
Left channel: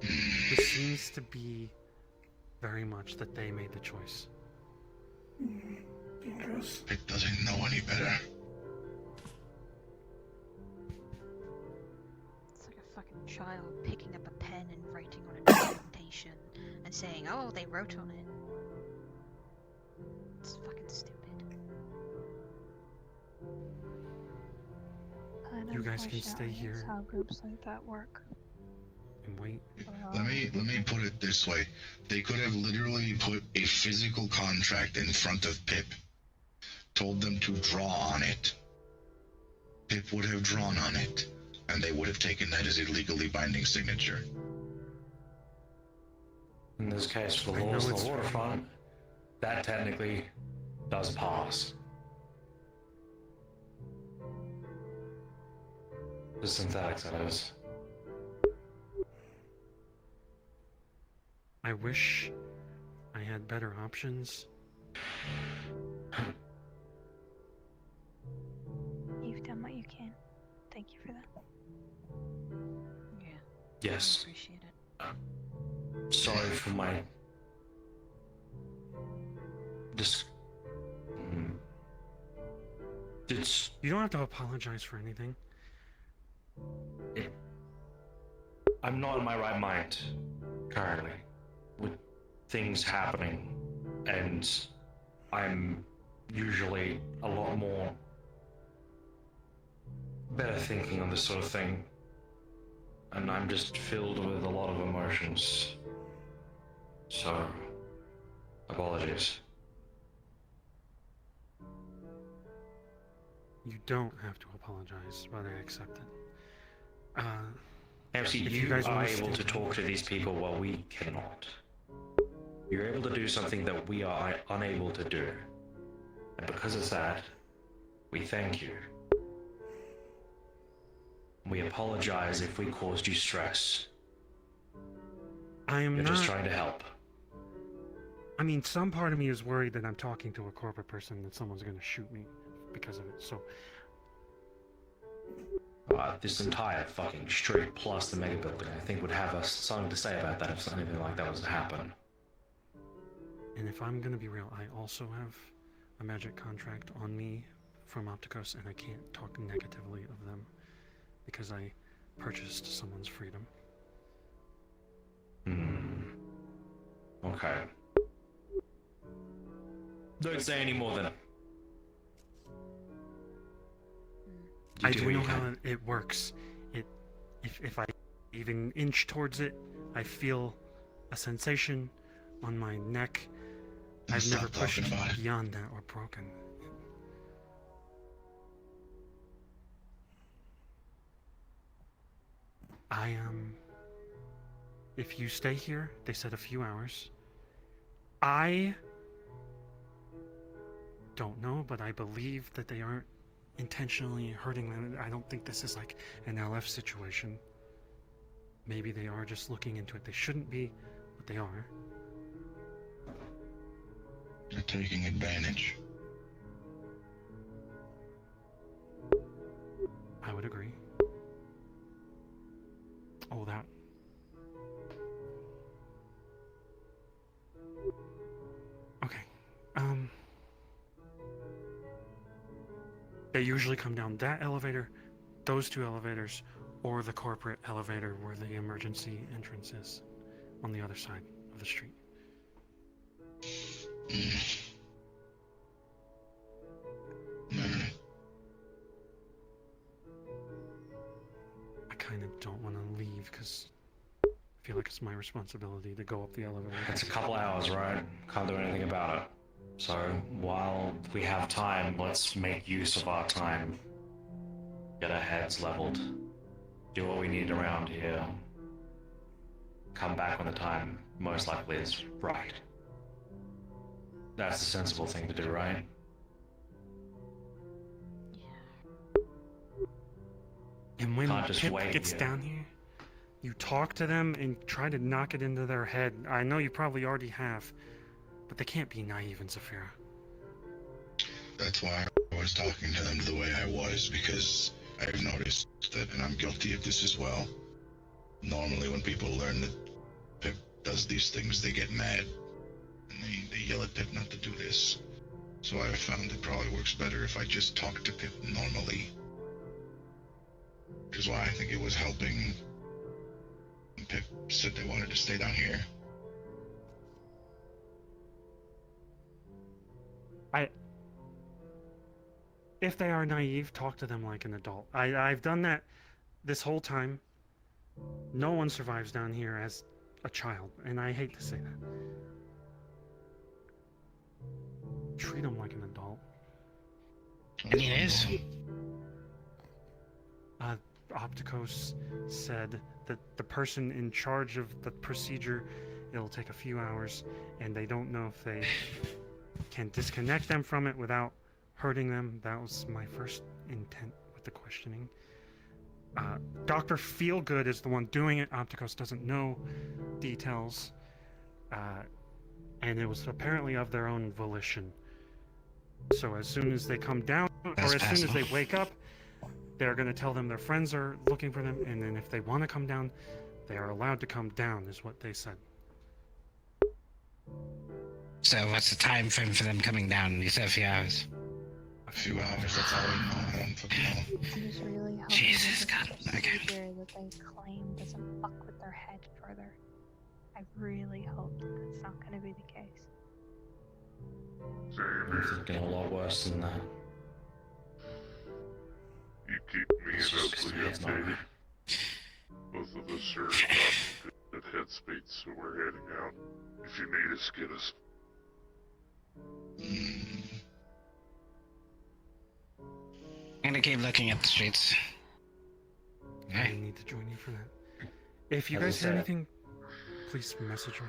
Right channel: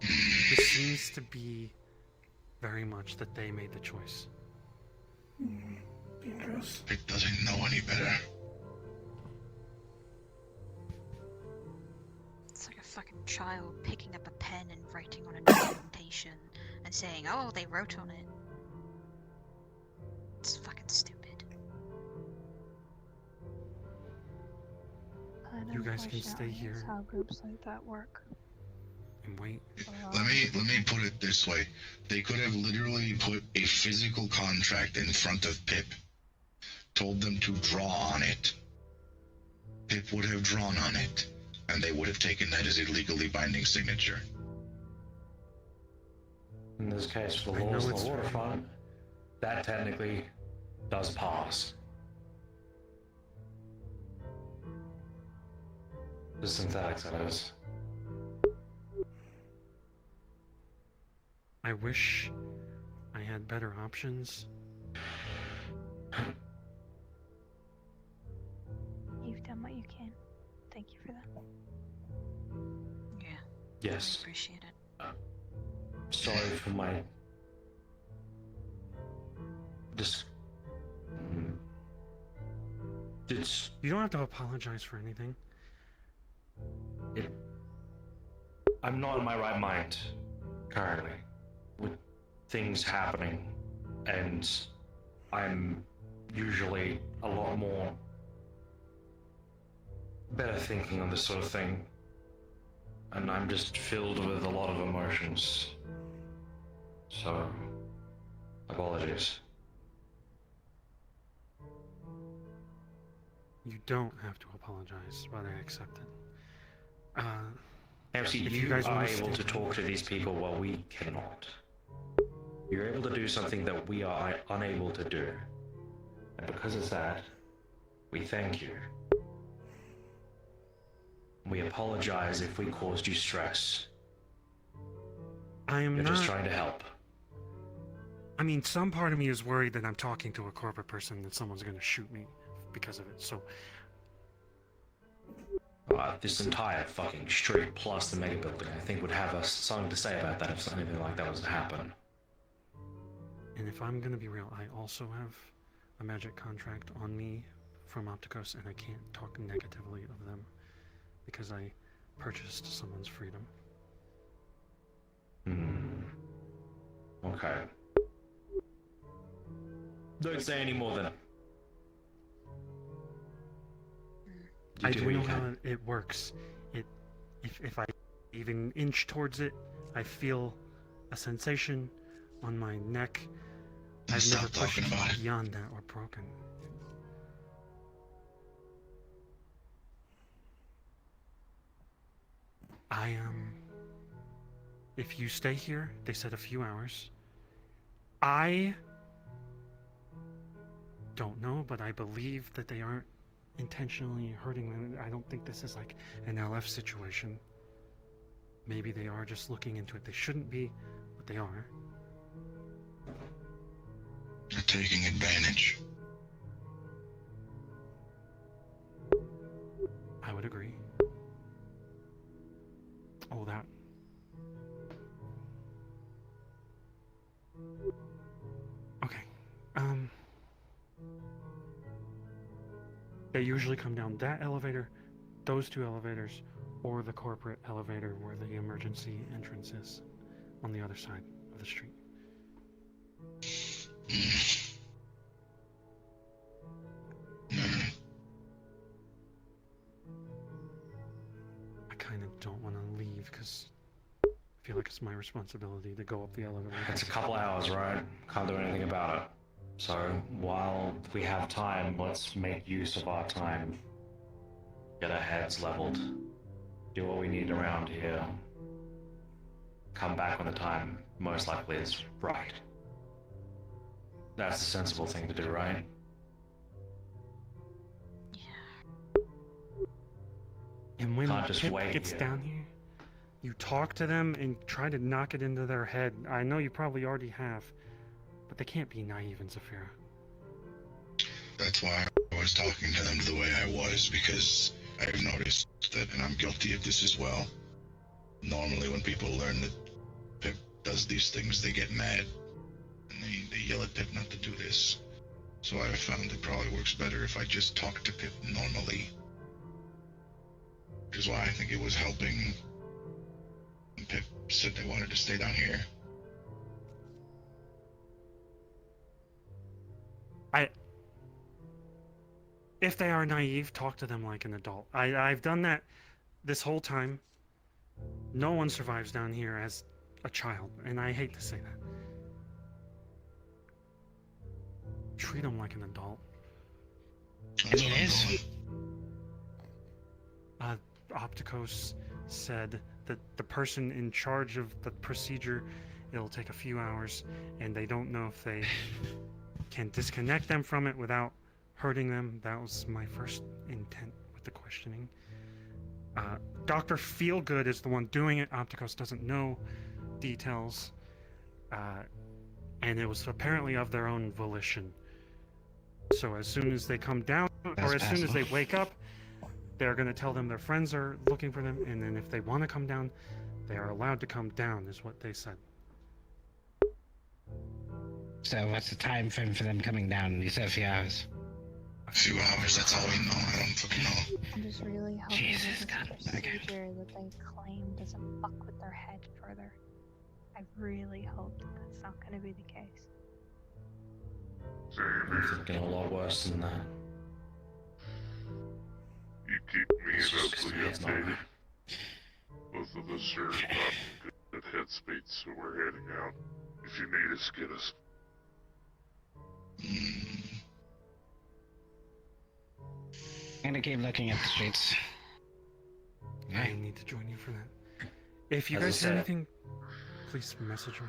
This seems to be very much that they made the choice. Dangerous. It doesn't know any better. It's like a fucking child picking up a pen and writing on a documentation and saying, oh, they wrote on it. It's fucking stupid. You guys can stay here. That's how groups like that work. And wait. Let me put it this way. They could have literally put a physical contract in front of Pip, told them to draw on it. Pip would have drawn on it, and they would have taken that as a legally binding signature. In this case, for the laws of the waterfront, that technically does pass. The synthetics, that is. I wish I had better options. You've done what you can. Thank you for that. Yeah. Yes. Appreciate it. Sorry for my... You don't have to apologize for anything. I'm not in my right mind currently with things happening, and I'm usually a lot more better thinking on this sort of thing. And I'm just filled with a lot of emotions. So, apologies. You don't have to apologize, but I accept it. MC, if you guys are wanna able stay- to talk to these people while we cannot. You're able to do something that we are unable to do. And because of that, we thank you. We apologize if we caused you stress. I am We're not. just trying to help. I mean, some part of me is worried that I'm talking to a corporate person that someone's going to shoot me because of it. So This entire fucking street plus the mega building, I think, would have us something to say about that if something like that was to happen. And if I'm gonna be real, I also have a magic contract on me from Opticos, and I can't talk negatively of them because I purchased someone's freedom. Okay. Don't say any more than... I do know how it works. If I even inch towards it, I feel a sensation on my neck. I've never pushed beyond that or broken. If you stay here, they said a few hours. I don't know, but I believe that they aren't intentionally hurting them. I don't think this is like an LF situation. Maybe they are just looking into it. They shouldn't be, but they are. They're taking advantage. I would agree. Oh, that. Okay. They usually come down that elevator, those two elevators, or the corporate elevator where the emergency entrance is on the other side of the street. I kind of don't want to leave because I feel like it's my responsibility to go up the elevator. It's a couple hours, right? Can't do anything about it. So, while we have time, let's make use of our time. Get our heads leveled. Do what we need around here. Come back when the time most likely is right. That's the sensible thing to do, right? And when Can't just Pip wait gets here. down here, you talk to them and try to knock it into their head. I know you probably already have, but they can't be naive in Zafira. That's why I was talking to them the way I was, because I've noticed that, and I'm guilty of this as well. Normally when people learn that Pip does these things, they get mad. And they yell at Pip not to do this. So I found it probably works better if I just talk to Pip normally. Which is why I think it was helping when Pip said they wanted to stay down here. If they are naive, talk to them like an adult. I've done that this whole time. No one survives down here as a child, and I hate to say that. Treat them like an adult. I mean, it is. Opticos said that the person in charge of the procedure, it'll take a few hours, and they don't know if they can disconnect them from it without hurting them. That was my first intent with the questioning. Dr. Feelgood is the one doing it. Opticos doesn't know details. And it was apparently of their own volition. So as soon as they come down, or as soon as they wake up, they're going to tell them their friends are looking for them, and then if they want to come down, they are allowed to come down, is what they said. So what's the time frame for them coming down? You said a few hours. A few hours, that's all I know. I don't fucking know. I'm just really hoping Jesus, that God, this procedure that they claim doesn't fuck with their head further. I really hope that that's not going to be the case. I'm thinking a lot worse than that. You keep me It's just and it's not updated. right. Both of us are not in good headspace, so we're heading out. If you need us, get us. I'm gonna keep looking at the streets. I need to join you for that. If you As I guys hear said- anything, please message me.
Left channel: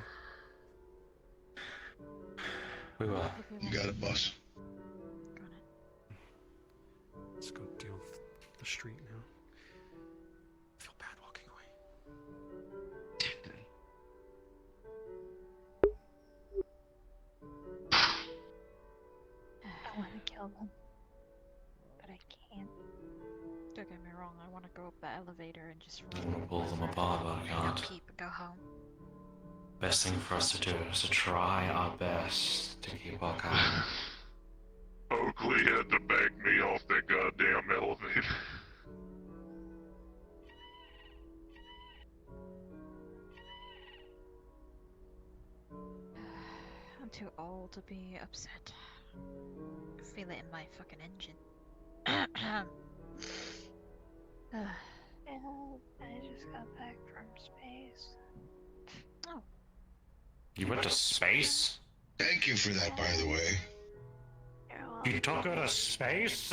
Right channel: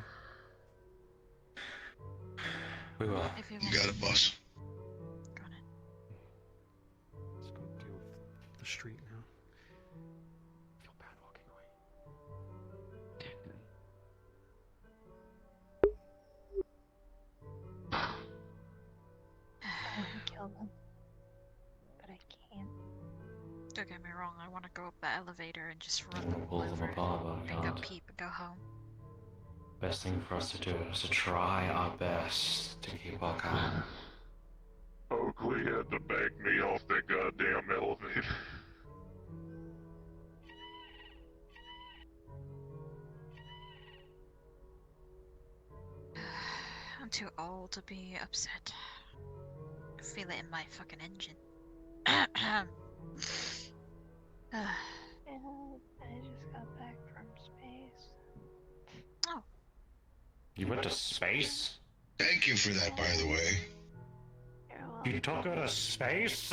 We will. You got it, boss. Let's go deal with the street now. I feel bad walking away. I want to kill them, but I can't. Don't get me wrong, I want to go up the elevator and just I want to pull them apart, but I go can't. peep and go home. Best thing for us to do is to try our best to keep our calm. Oakley had to back me off that goddamn elevator. I'm too old to be upset. I feel it in my fucking engine. Yeah, I just got back from space. Oh. You went to space? Thank you for that, by the way. You took her to space?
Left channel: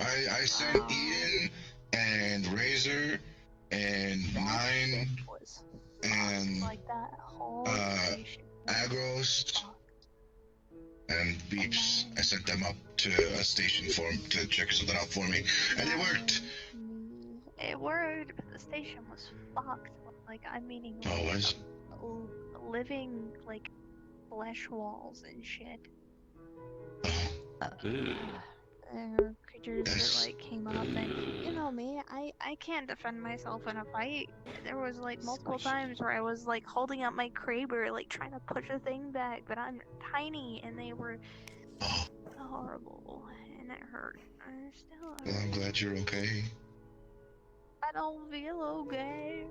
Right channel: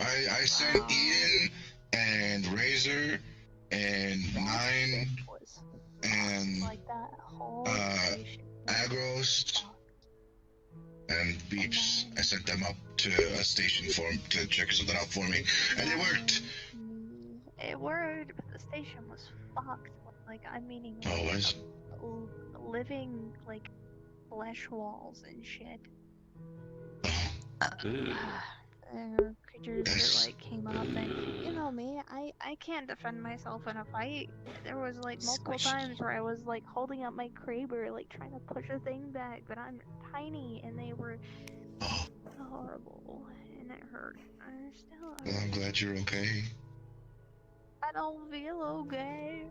I sent Ian and Razor and Nine and Like that whole Agros and Beeps. I sent them up to a station for to check something out for me, and it worked. It worked, but the station was fucked. Like, I'm meaning Always. living, like, flesh walls and shit. There were creatures that, like, came up and, you know me, I can't defend myself in a fight. There was, like, multiple times where I was, like, holding up my Kraber, like, trying to push a thing back, but I'm tiny, and they were horrible, and it hurt. Well, I'm glad you're okay. I don't feel okay.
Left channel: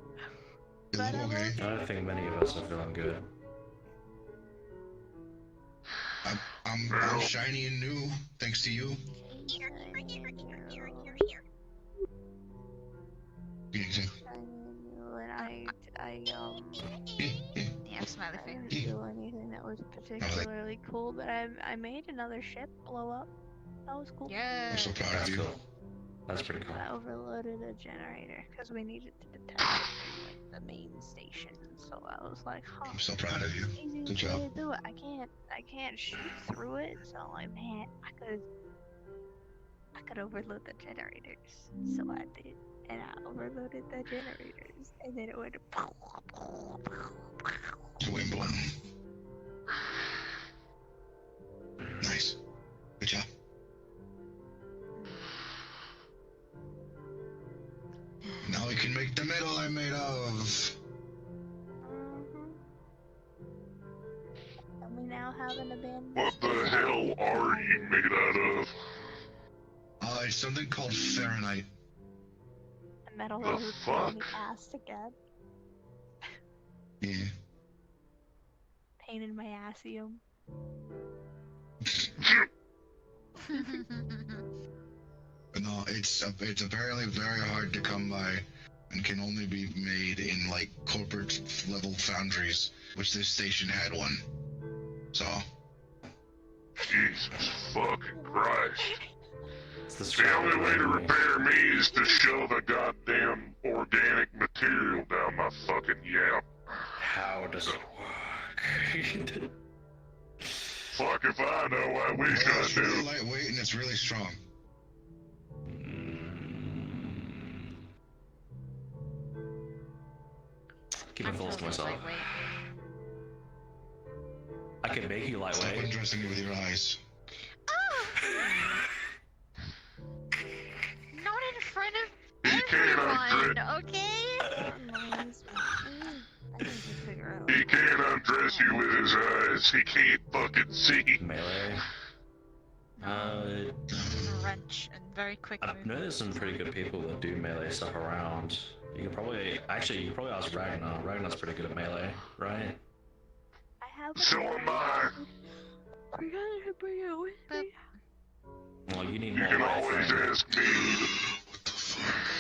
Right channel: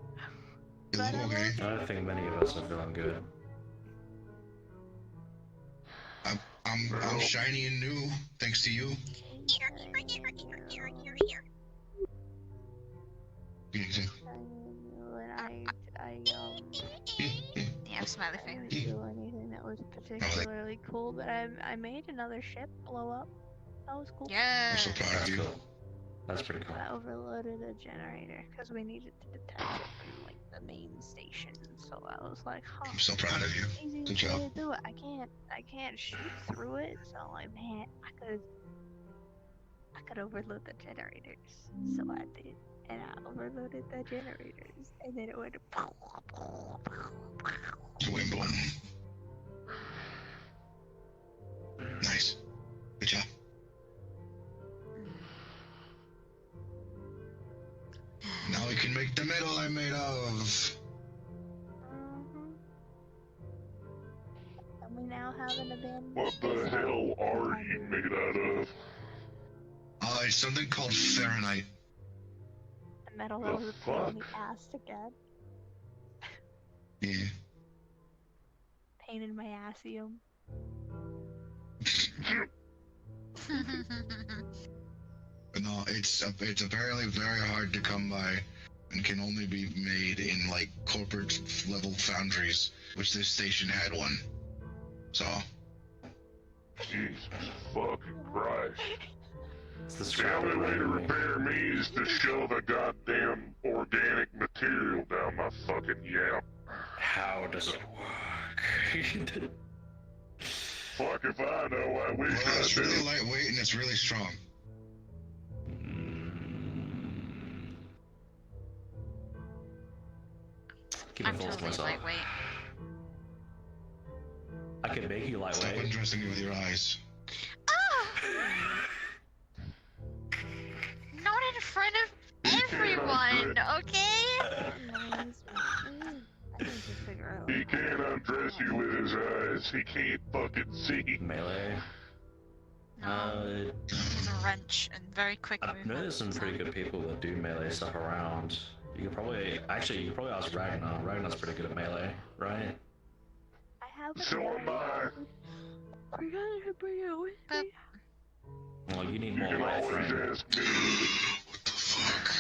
You look okay. I don't think many of us are feeling good. I'm shiny and new, thanks to you. Yeah, smiley face. I didn't do anything that was particularly cool, but I made another ship blow up. That was cool. Yeah. I'm so proud of you. That's pretty cool. I overloaded a generator because we needed to detect it from like the main station. So I was like, huh. I'm so proud of you. Easiest Good job. way to do it. I can't shoot through it. So I'm like, man, I could overload the generators. So I did, and I overloaded the generators, and then it went. Boom, boom. Nice. Good job. Now we can make the metal I'm made of. And we now have an abandoned. What the hell are you made out of? It's something called Fahrenheit. A metal that was a pain in the ass to get. Yeah. Pain in my assium. No, it's apparently very hard to come by and can only be made in like corporate level foundries, which this station had one. So. Jesus fucking Christ. This The only way to repair me is to shove a goddamn organic material down my fucking yap. How does it work? Fuck if I know, I wish Well, I it's really knew. lightweight and it's really strong. Keep it full to myself. I can make you lightweight. Stop undressing me with your eyes. Not in front of everyone, okay? He can't undress you with his eyes. He can't fucking see. Melee. With a wrench and very quick I know there's some pretty good people that do melee stuff around. You could probably ask Ragnar. Ragnar's pretty good at melee, right? I have a So am I. We're gonna bring it with me. Well, you need You more can light always frame. ask me. What the fuck?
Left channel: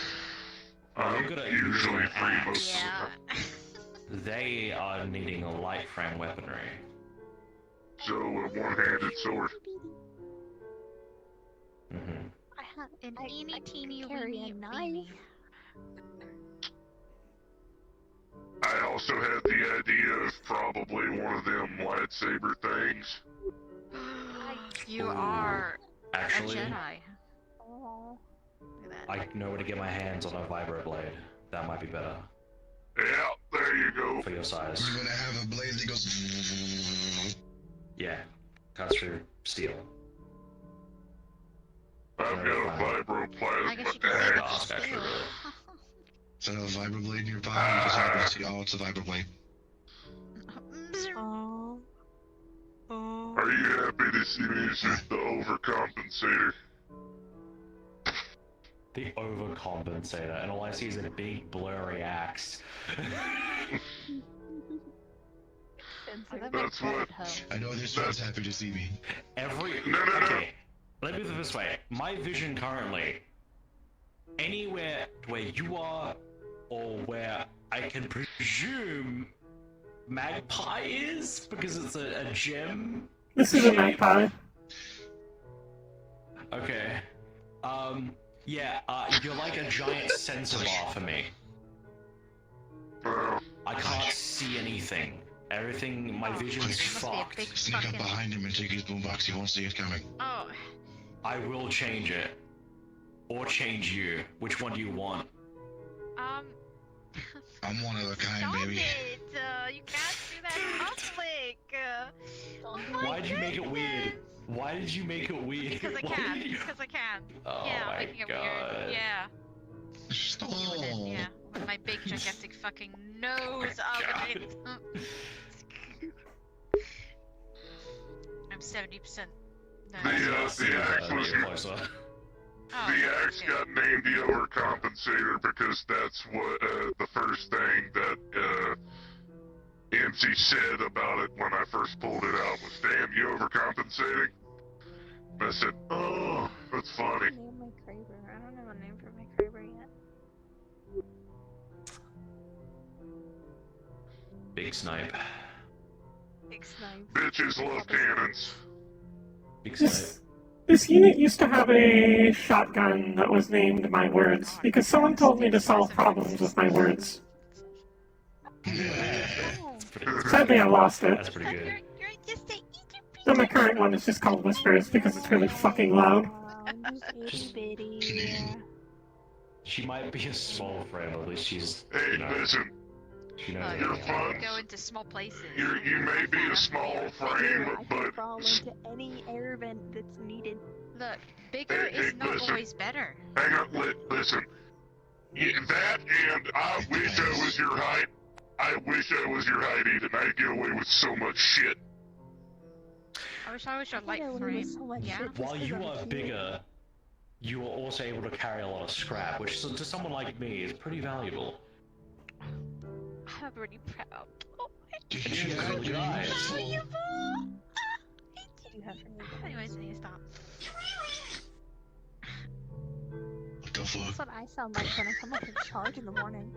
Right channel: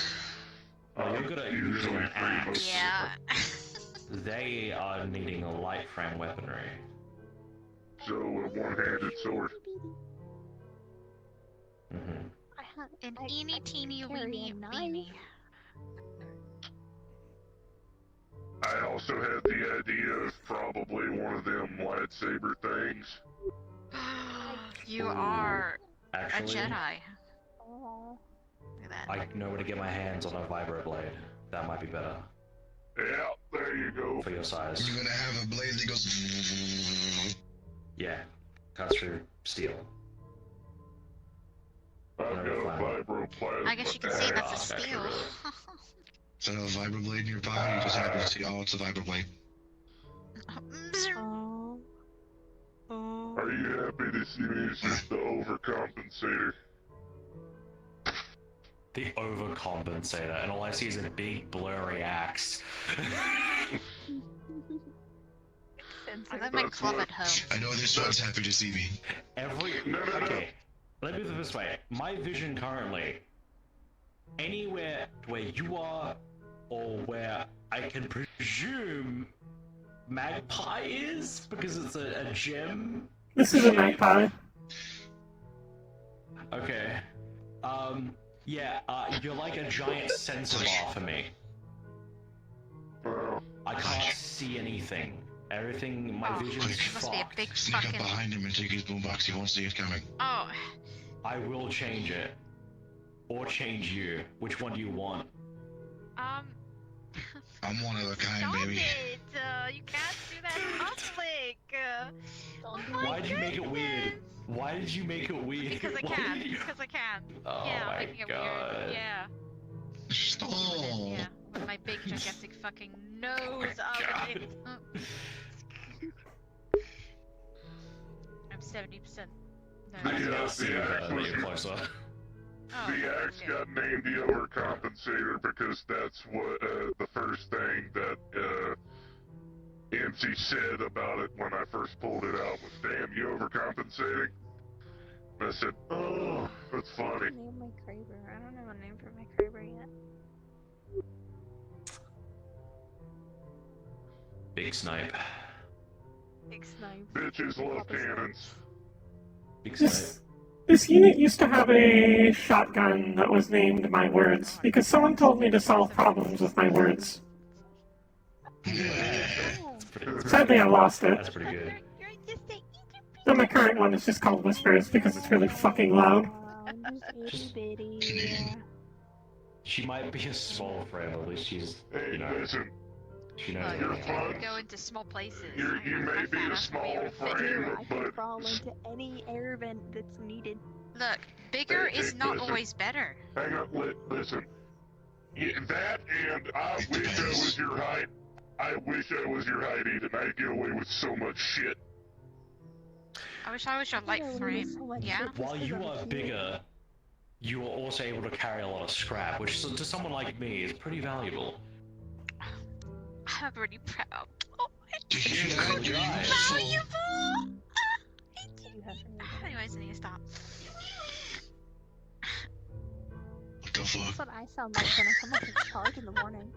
Well, you're good at Usually using an pretty axe. much. Yeah. They are needing a light frame weaponry. So, a one-handed sword. Mm-hmm. An eeny teeny carry weeny a knife. weeny. I also had the idea of probably one of them lightsaber things. You are Actually, a Jedi. Oh. I know where to get my hands on a vibroblade. That might be better. Yeah, there you go. For your size. You're gonna have a blade that goes. Yeah. Cuts through steel. I've got a vibroplasma. I guess you can say that's a steel. Is that a vibroblade nearby? You just happen to see, oh, it's a vibroblade. Are you happy to see me as the overcompensator? The overcompensator, and all I see is a big blurry axe. That's what. I know this one's happy to see me. Okay, let me put it this way. My vision currently, anywhere where you are, or where I can presume Magpie is, because it's a gem. This is a Magpie. Okay. Yeah, you're like a giant sensor bar for me. I can't see anything. Everything, my vision's fucked. Sneak up behind him and take his boombox. He won't see it coming. Oh. I will change it. Or change you. Which one do you want? I'm one of a kind, Stop baby. it! You can't do that in public! Why'd you make it weird? Why did you make it weird? Because I Why can. did you- Because I can. Oh yeah, my I'm making it God. weird. Yeah. Oh. Yeah. With my big gigantic fucking nose of it. I'm 70%. I can now see you better when you're closer. The axe got named the overcompensator because that's what the first thing that MC said about it when I first pulled it out was, "Damn, you overcompensating." And I said, "Oh, that's funny." Name my Kraber. I don't have a name for my Kraber yet. Big snipe. Big snipe. Bitches love cannons. Big snipe. This unit used to have a shotgun that was named My Words, because someone told me to solve problems with my words. Sadly, I lost it. That's pretty good. So my current one is just called Whispers because it's really fucking loud. She might be a small frame, at least she's, Hey, listen. she knows You everything. can go into small places. You may be a small frame, I can but crawl into any air vent that's needed. Look, bigger is not listen. always better. Hang on, listen. Yeah, that and I wish I was your height. I wish I was your height, Ethan. I'd get away with so much shit. I wish I was your light frame. Yeah. While you are bigger, you are also able to carry a lot of scrap, which to someone like me is pretty valuable. I'm really proud. Oh, And she has really good eyes. Anyways, I need to stop. What the fuck? That's what I sound like when I come off the charge in the morning.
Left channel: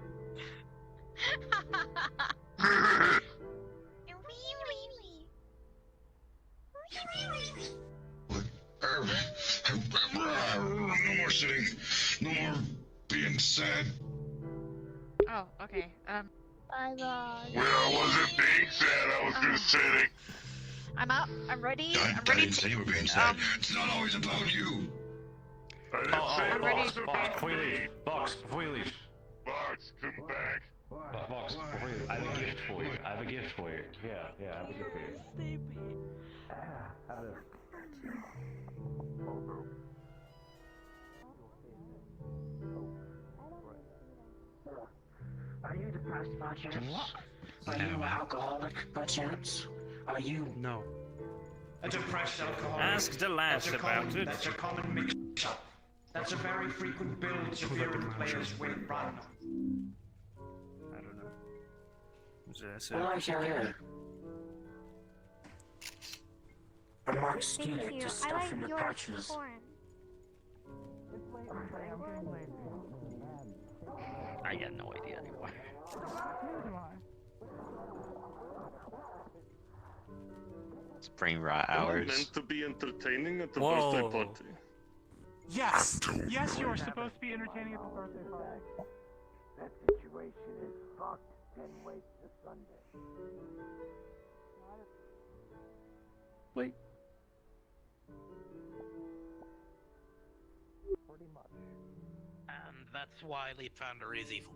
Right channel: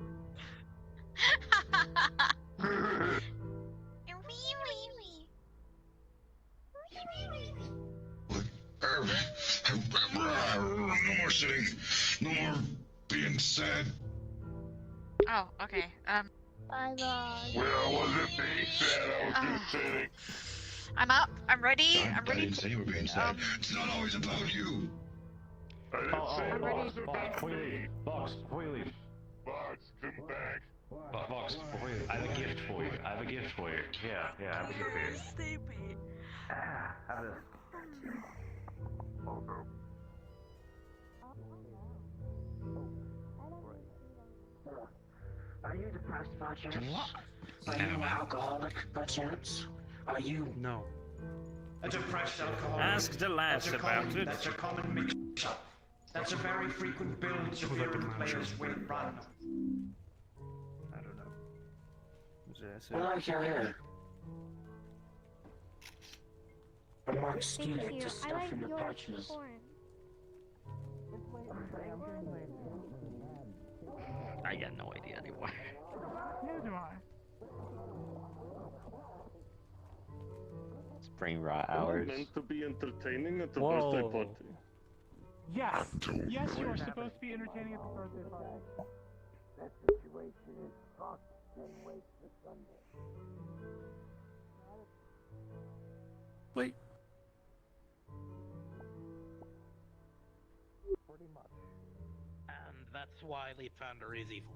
No more sitting. No more being sad. Oh, okay. Bye bye. Well, I wasn't being sad, I was just sitting. I'm up. I'm ready. I'm I ready didn't say you were being sad. It's not always about you. I didn't say I'm ready. it was about Before you leave. Box, before you leave. Box, come back. Box, before you leave. I have a gift for you. I have a gift for you. Yeah, I have a gift for you. Sleepy. Have this. Are you depressed about your What? Are you an alcoholic by chance? Are you No. a depressed alcoholic? Ask the lads about it. That's a common mix-up. That's a very frequent build severe players will run. I don't know. Is this Well, I shall hear. Amongst Thank the you. I stuff like in the your patches. corn. I got no idea anymore. Spring rot hours. Meant to be entertaining at the Whoa. birthday party. Yes! Yes, you were supposed to be entertaining at the birthday party. That situation is fucked. Didn't wait till Sunday. Wait. Pretty much. And that's why Leap Founder is evil.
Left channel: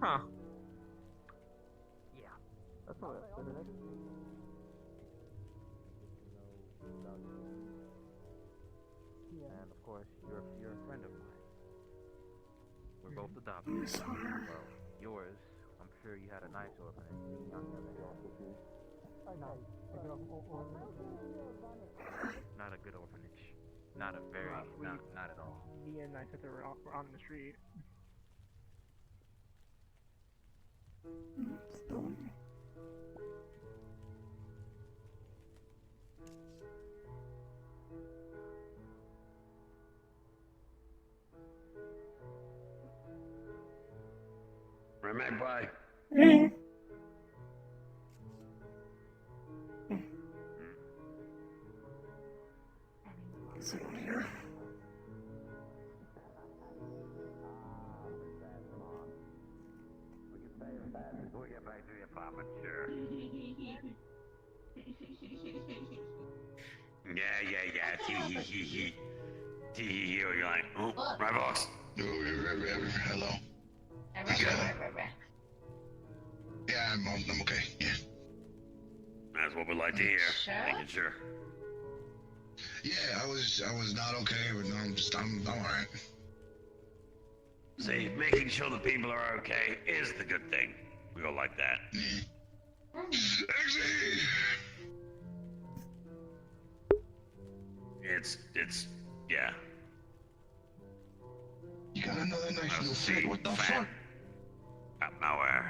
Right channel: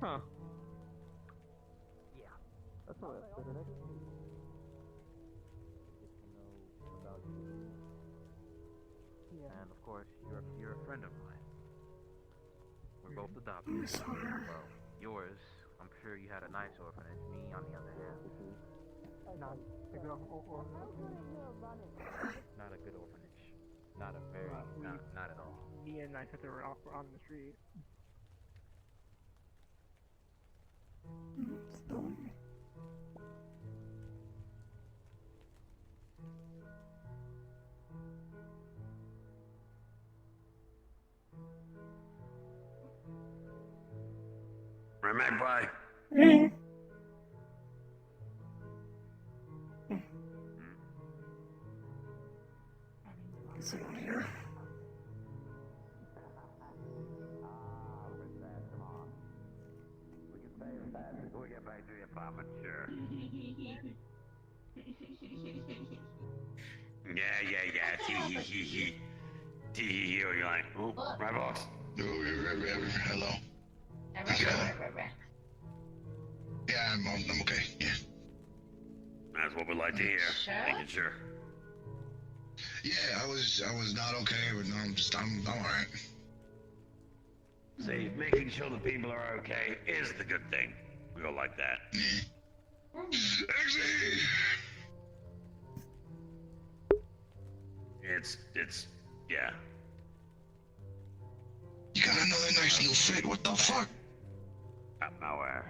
Huh. Yeah. That's what it is. And of course, you're a friend of mine. We're both adopted. Well, yours, I'm sure you had a nice orphanage. Me, on the other hand. Not a good orphanage. Not a very, not at all. Me and I thought they were on the street. Magpie. Someone here. We'll get back to the apartment, sure. Yeah. You're like, ooh, my boss. Hello. Yeah, I'm okay. Yeah. That's what we like to hear. Making sure. Yeah, I was not okay, but no, I'm alright. See, making sure the people are okay is the good thing. We all like that. Sexy! It's, yeah. You got another nice new fit, what the fuck? Out nowhere.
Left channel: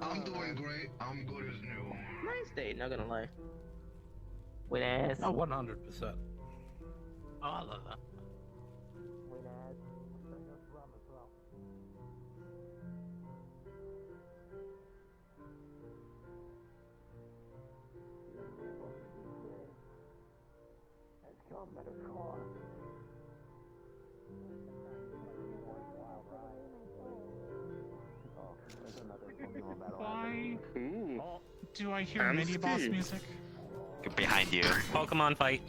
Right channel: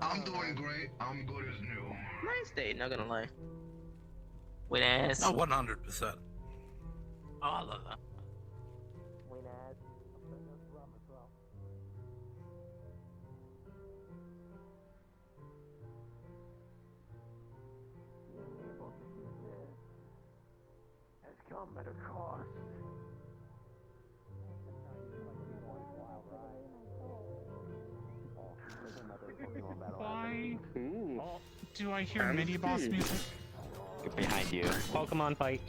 I'm doing great, I'm good as new. Nice day, not gonna lie. Win ass. Oh, 100%. Oh, I love that. Has come at a cost. Why do I hear I'm mini boss Steve. music? Behind you. Pokemon fight.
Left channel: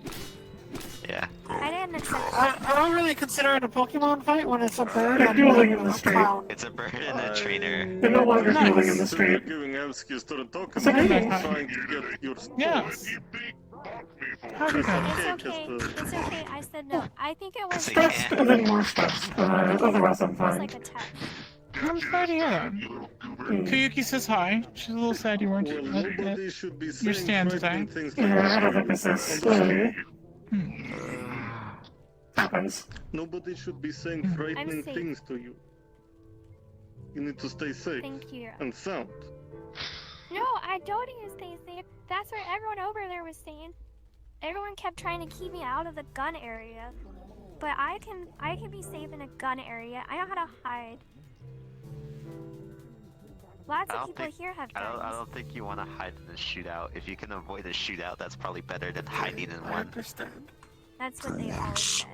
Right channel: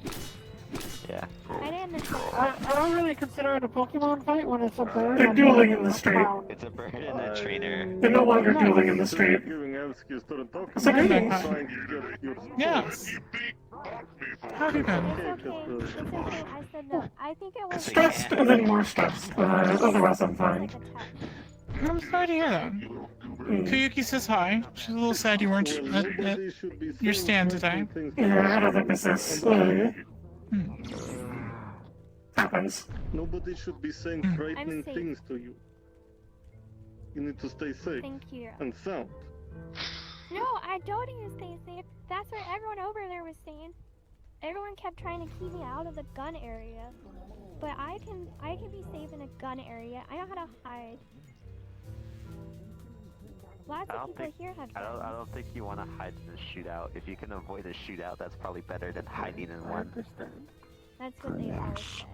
Yeah. I didn't miss it. I don't really consider it a Pokemon fight when it's a bird. They're dueling in the street. It's a bird and a trainer. They're no longer dueling in the street. Giving Evskis to the talk It's a good trying thing. to get your Yes. How do then? It's okay. It's okay. I said no. I think it was Stressed and then more stressed, but otherwise I'm fine. like a test. I'm sorry to hear that. Kayuki says hi. She's a little sad you weren't Well, at nobody should be your saying stand frightening today. things Yeah, I don't think this is happens. Nobody should be saying frightening safe. things to you. You need to stay safe Thank you. and sound. No, I don't even stay safe. That's what everyone over there was saying. Everyone kept trying to keep me out of the gun area. But I can be safe in a gun area. I know how to hide. Lots of people here have guns. I don't think you want to hide in a shootout. If you can avoid a shootout, that's probably better than hiding in one. That's what they all said.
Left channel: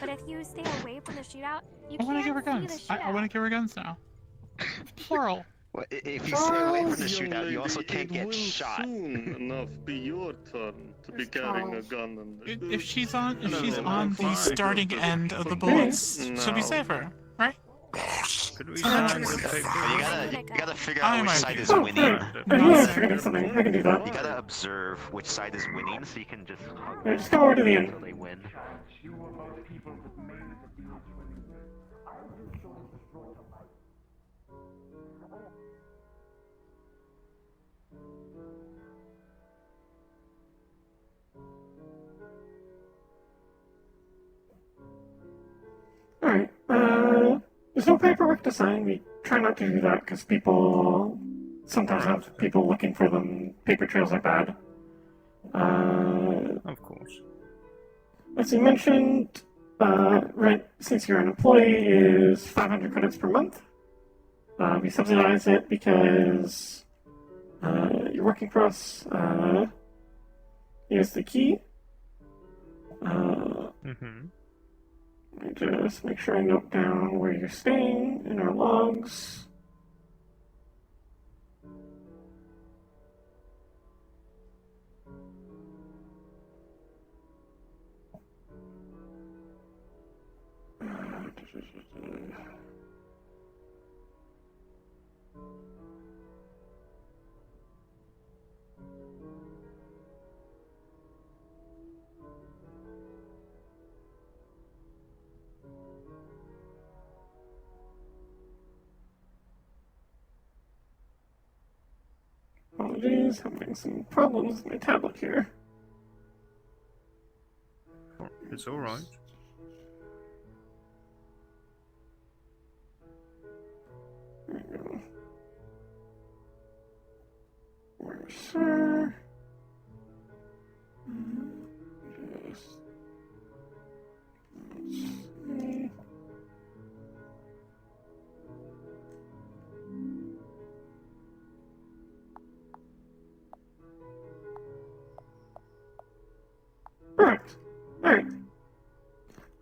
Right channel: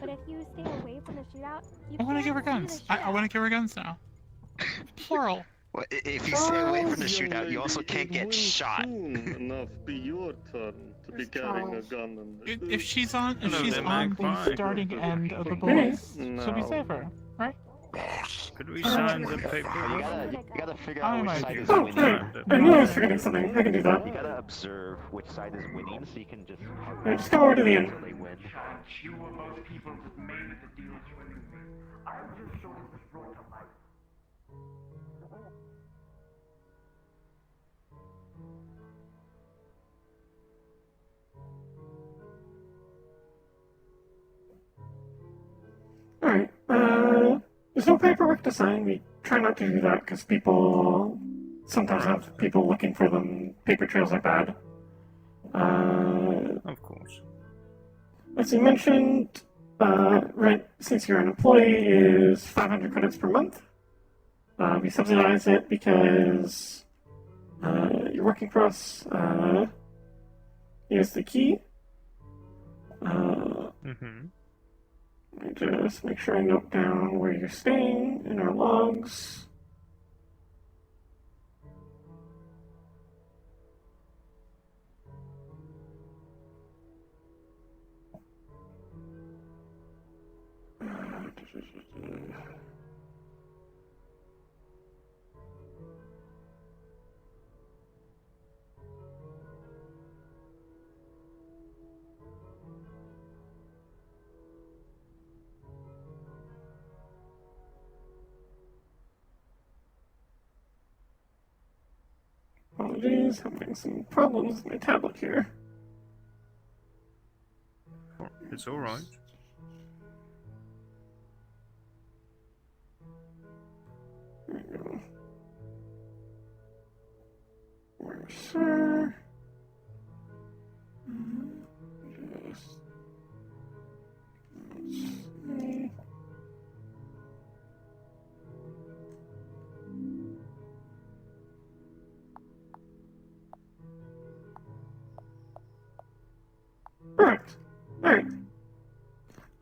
But if you stay away from the shootout, you I want to can't give her see guns. the shootout. I want to give her guns now. Plural. Well, if you stay away from the shootout, you also can't It get will shot. soon enough be your turn to be carrying a gun. And If she's on No, they're the fine. starting end of the bullets, she'll be No. safer, right? Could we sign the You paperwork? gotta figure I out which might side do is that. winning. I knew I was forgetting something. I can do that. You gotta observe which side is winning, so you can just Yeah, just go over to the end. until they win. Alright, there's no paperwork to sign. We try not to do that because people sometimes have people looking for them. Paper trails are bad. Of course. As you mentioned, rent, since you're an employee, is 500 credits per month. We subsidize it because you're working for us. Here's the key. Let me just make sure I note down where you're staying in our logs. Apologies, I'm having some problems with my tablet here. It's alright. There we go. Where's Sir? Just... let's see. Perfect. Alright.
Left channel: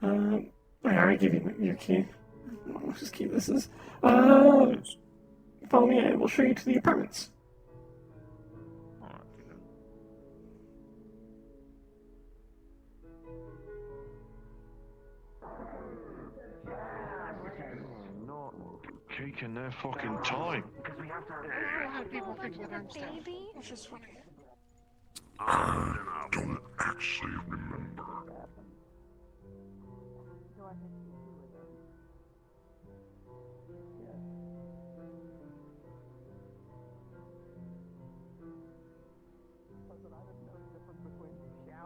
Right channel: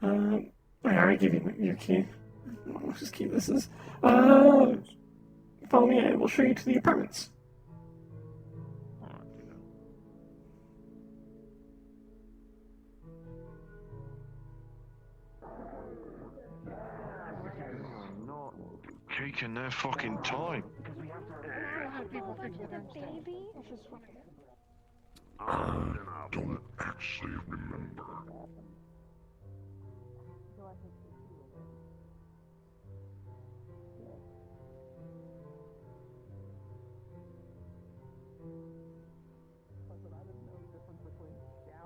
I already gave you your key. I don't know whose key this is. Follow me, I will show you to the apartments. Not taking their fucking time. I don't actually remember.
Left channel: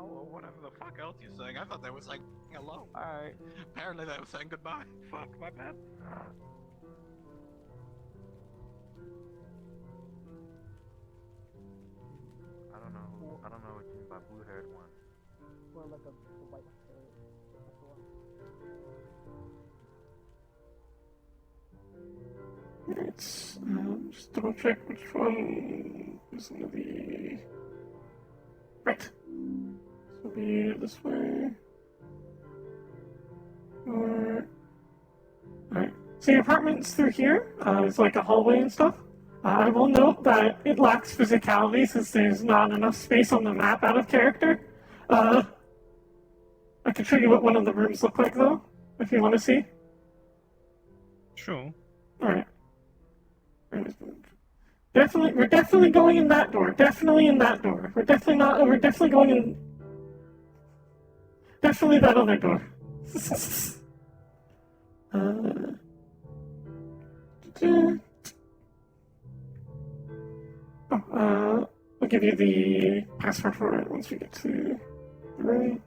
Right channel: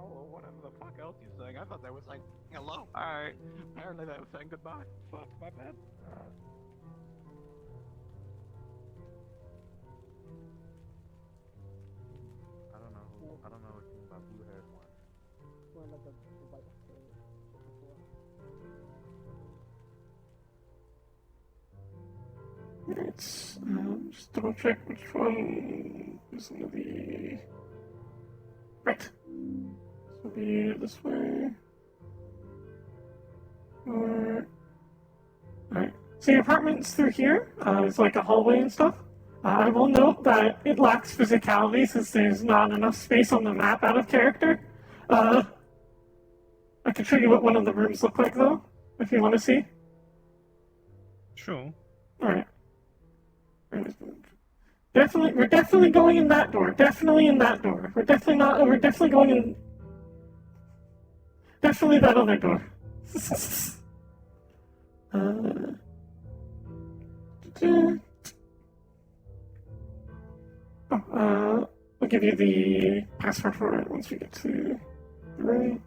Or whatever the fuck else you're saying. I thought they were saying hello. Alright. Apparently they were saying goodbye. Fuck, my bad. I don't know what you mean by blue-haired one. Let's just double check which one is going to be. Right. This will be this way. Alright. So your apartment's through here. It's like a hallway and stuff. I will note that it lacks physicality since there's not enough space on the map out of character. I can show you what one of the rooms look like though, if you want to see. Sure. Alright. We're definitely going in that door. Definitely in that door. We're definitely going in. Definitely that other door. I'll give you the password for it once we get to the room.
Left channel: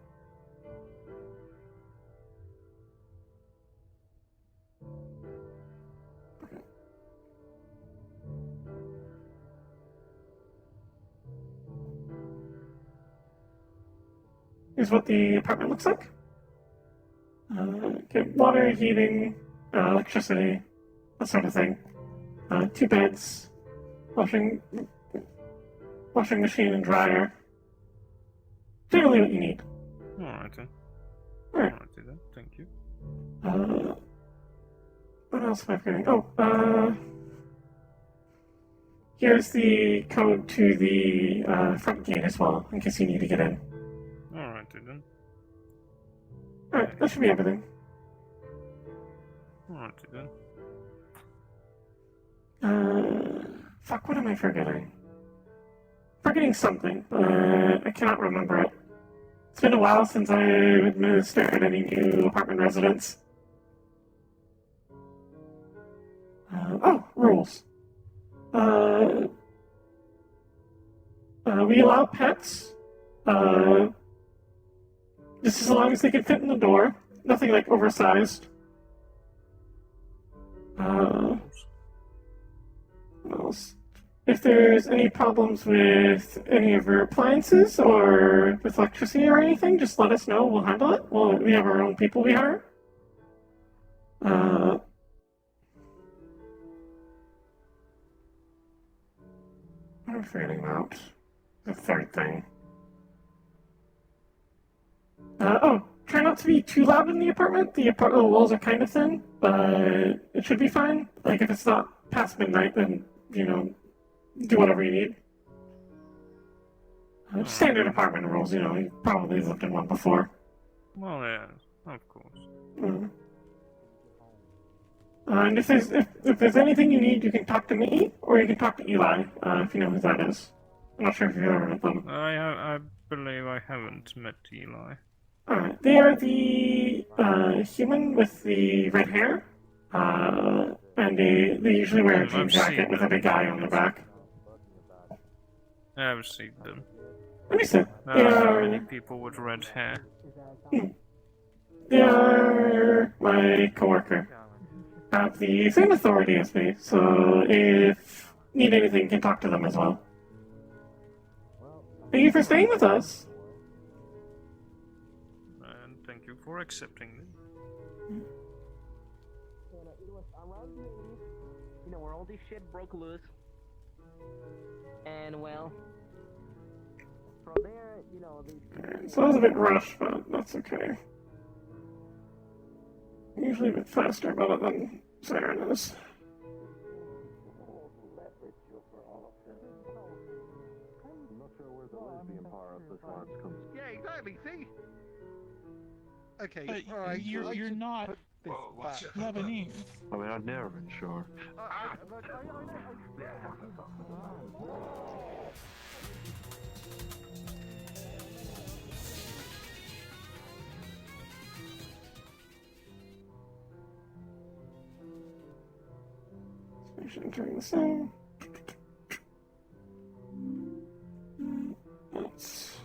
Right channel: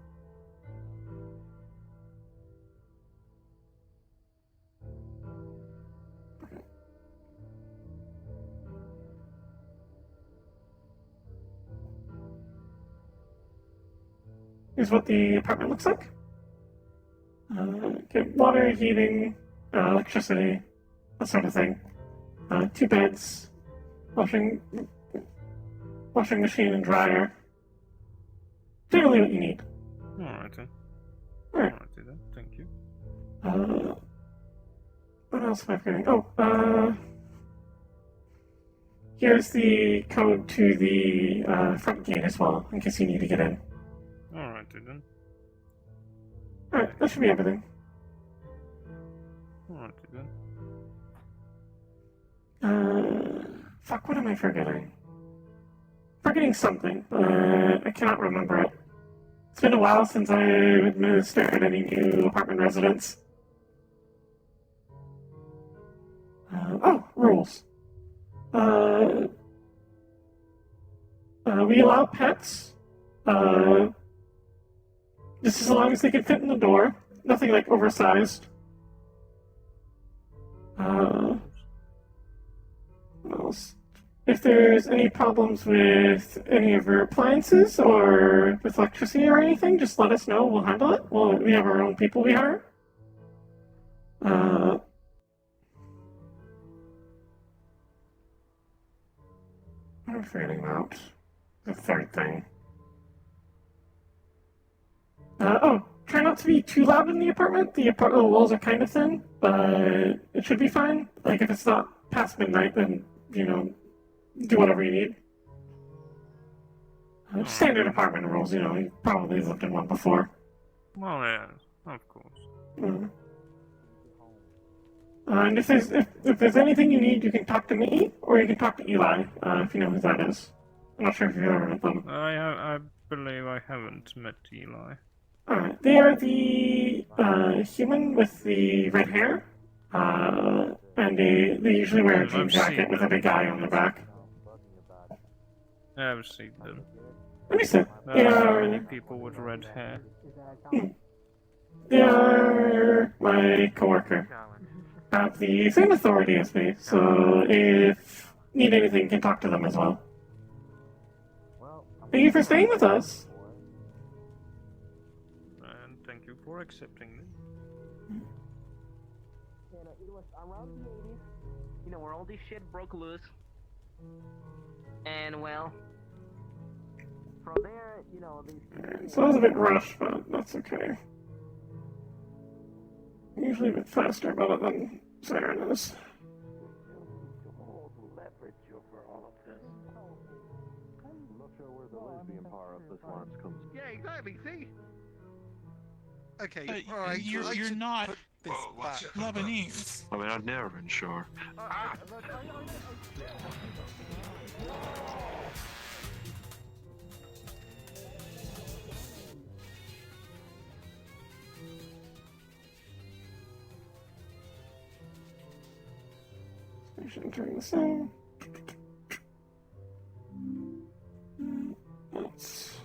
Here's what the apartment looks like. Get water, heating, electricity, that sort of thing. 2 beds, washing machine and dryer. Generally what you need. Alright then. Alright. Alright then, thank you. What else am I forgetting? Oh, here's the code to the front gate as well, in case you need to get in. Alright then. Alright, that should be everything. Alright then. Fuck, what am I forgetting? Forgetting something, but I cannot remember it. It's been a while since I administered any new apartment residents. Rules. We allow pets. Just as long as they can fit in the door. Nothing like oversized. else. If there's any problems with any of your appliances or with electricity or anything, just let us know. We'll handle it. We have our own people we hire. I'm forgetting about the third thing. Try not to be too loud in the apartment. The apartment walls are kind of thin, but it should be fine. Like, if it's not past midnight, then, do whatever you need. Standard apartment rules, you probably lived in one before. Well, yeah, of course. And if there's anything you need, you can talk to me, or you can talk to Eli, if you know who that is. I'm not sure if you've ever met them. I believe I haven't met Eli. They are the human with the red hair, and they usually wear a jean jacket with a big eye on the back. I've seen them. Let me see. Many people with red hair. They are my coworker. Have the same authority as me, so if you need anything, you can talk to them as well. Thank you for staying with us. And thank you for accepting me. Where all this shit broke loose. And well, from there, So I was a bit rushed, but that's okay. Usually a bit faster about it than Siren is. I'm not sure where the lesbian part of this one comes. yeah, exactly. See. Okay, alright, you're not Lebanese. I mean, I've never been sure. Entering the cell. That's...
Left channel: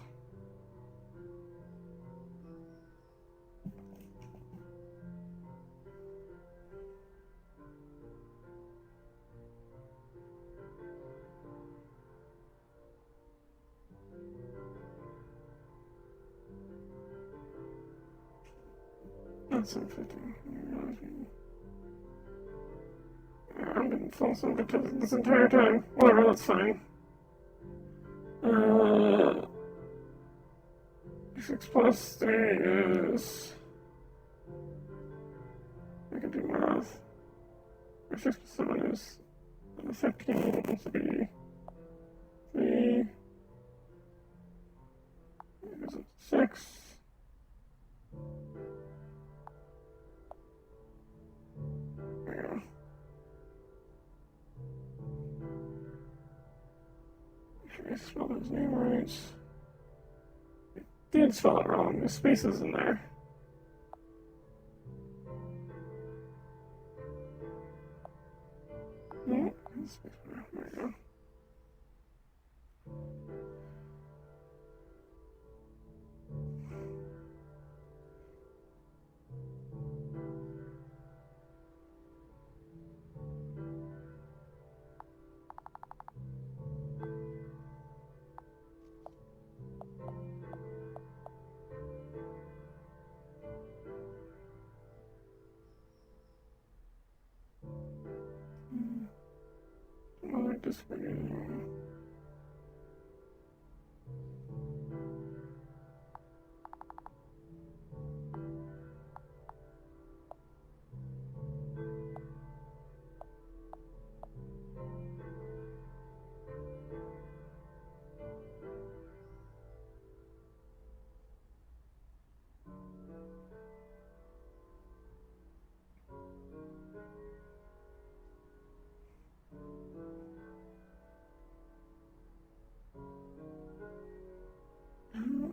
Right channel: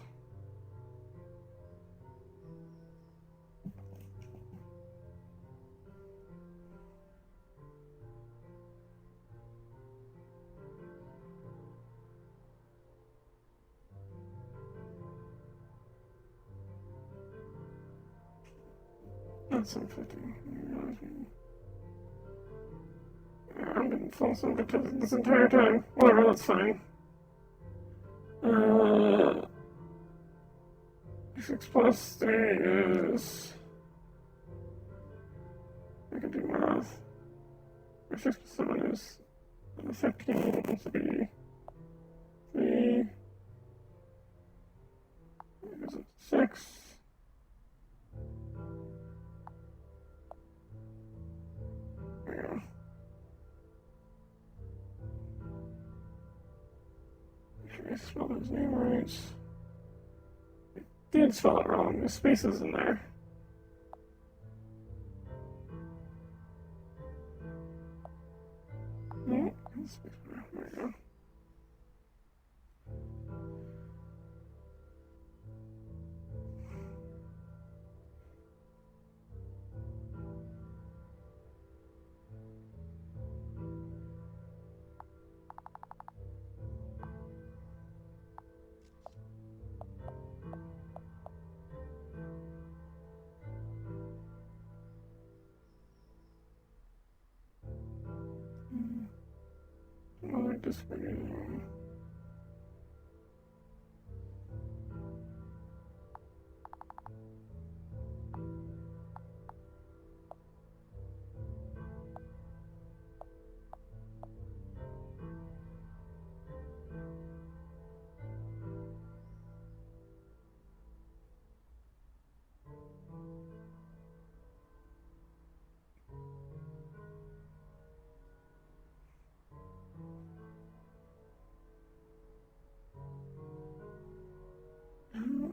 That's infecting. I've been false advertising this entire time. Whatever, that's fine. 6 plus 3 is... I can do math. 6 plus 7 is 15, so be 3. Goes up to 6. There we go. Make sure I spelled his name right. I did spell it wrong. The space is in there. No, there we go. I just figured it out.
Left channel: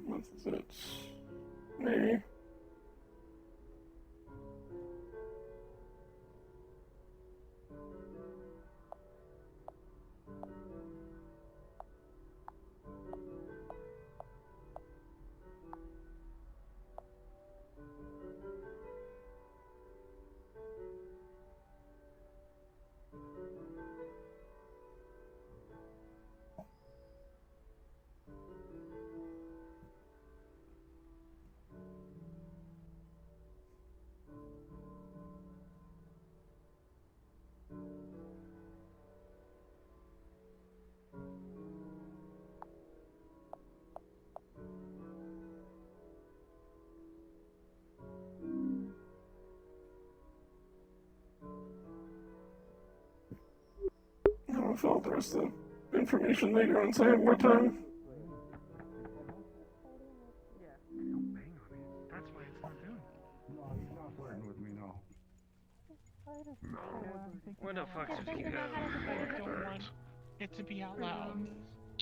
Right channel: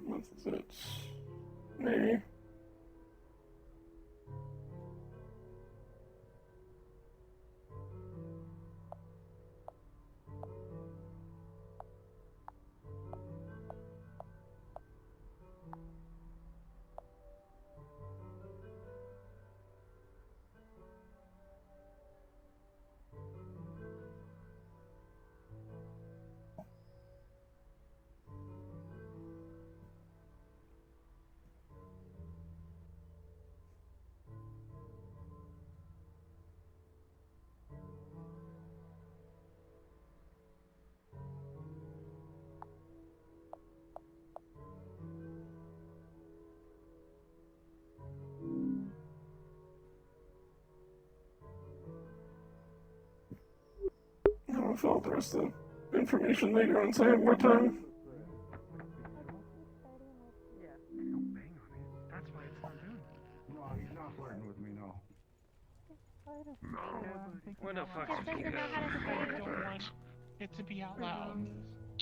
What is it? Maybe. I'll fill out the rest of the information later once I have more time. That's why it's not doing it. No, he's not fighting with me, no. Where the fuck did he go? I don't want it to be out loud.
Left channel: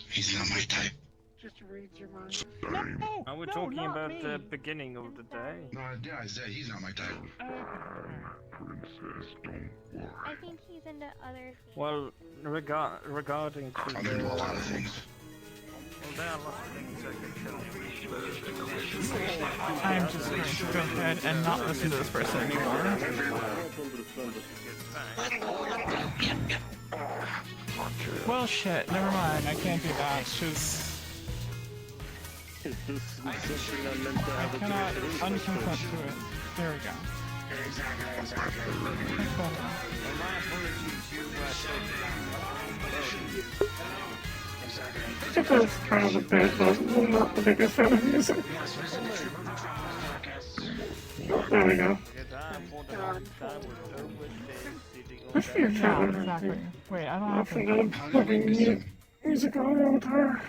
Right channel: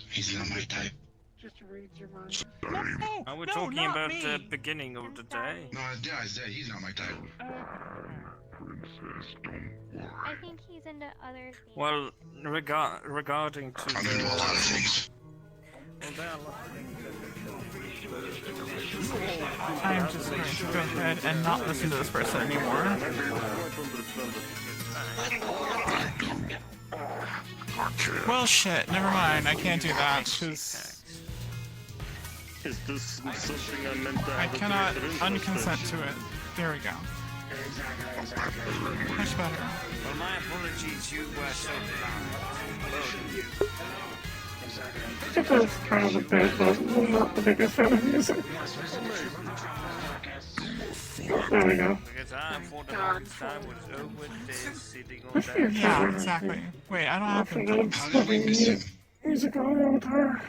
He's not my type. Just reads your mind. No, Are we talking about the beginning of the day? No, yeah, I said he's not my type. Princess, don't worry. I think he's into other things. Well, regarding to I'm into a lot of things. Well, there are a lot of things I am just going to go ahead and not listen to this person anymore. Well, shit, never mind. I can't do that. Just... Is this something I meant to I have cannot unconsent to it. There we go. That's better. It does kind of a bit, but I'm not the biggest fan of music. There we go. What's your Yeah, talent? exactly. Wait, I don't I have forgot I'm plugging music on the guitar.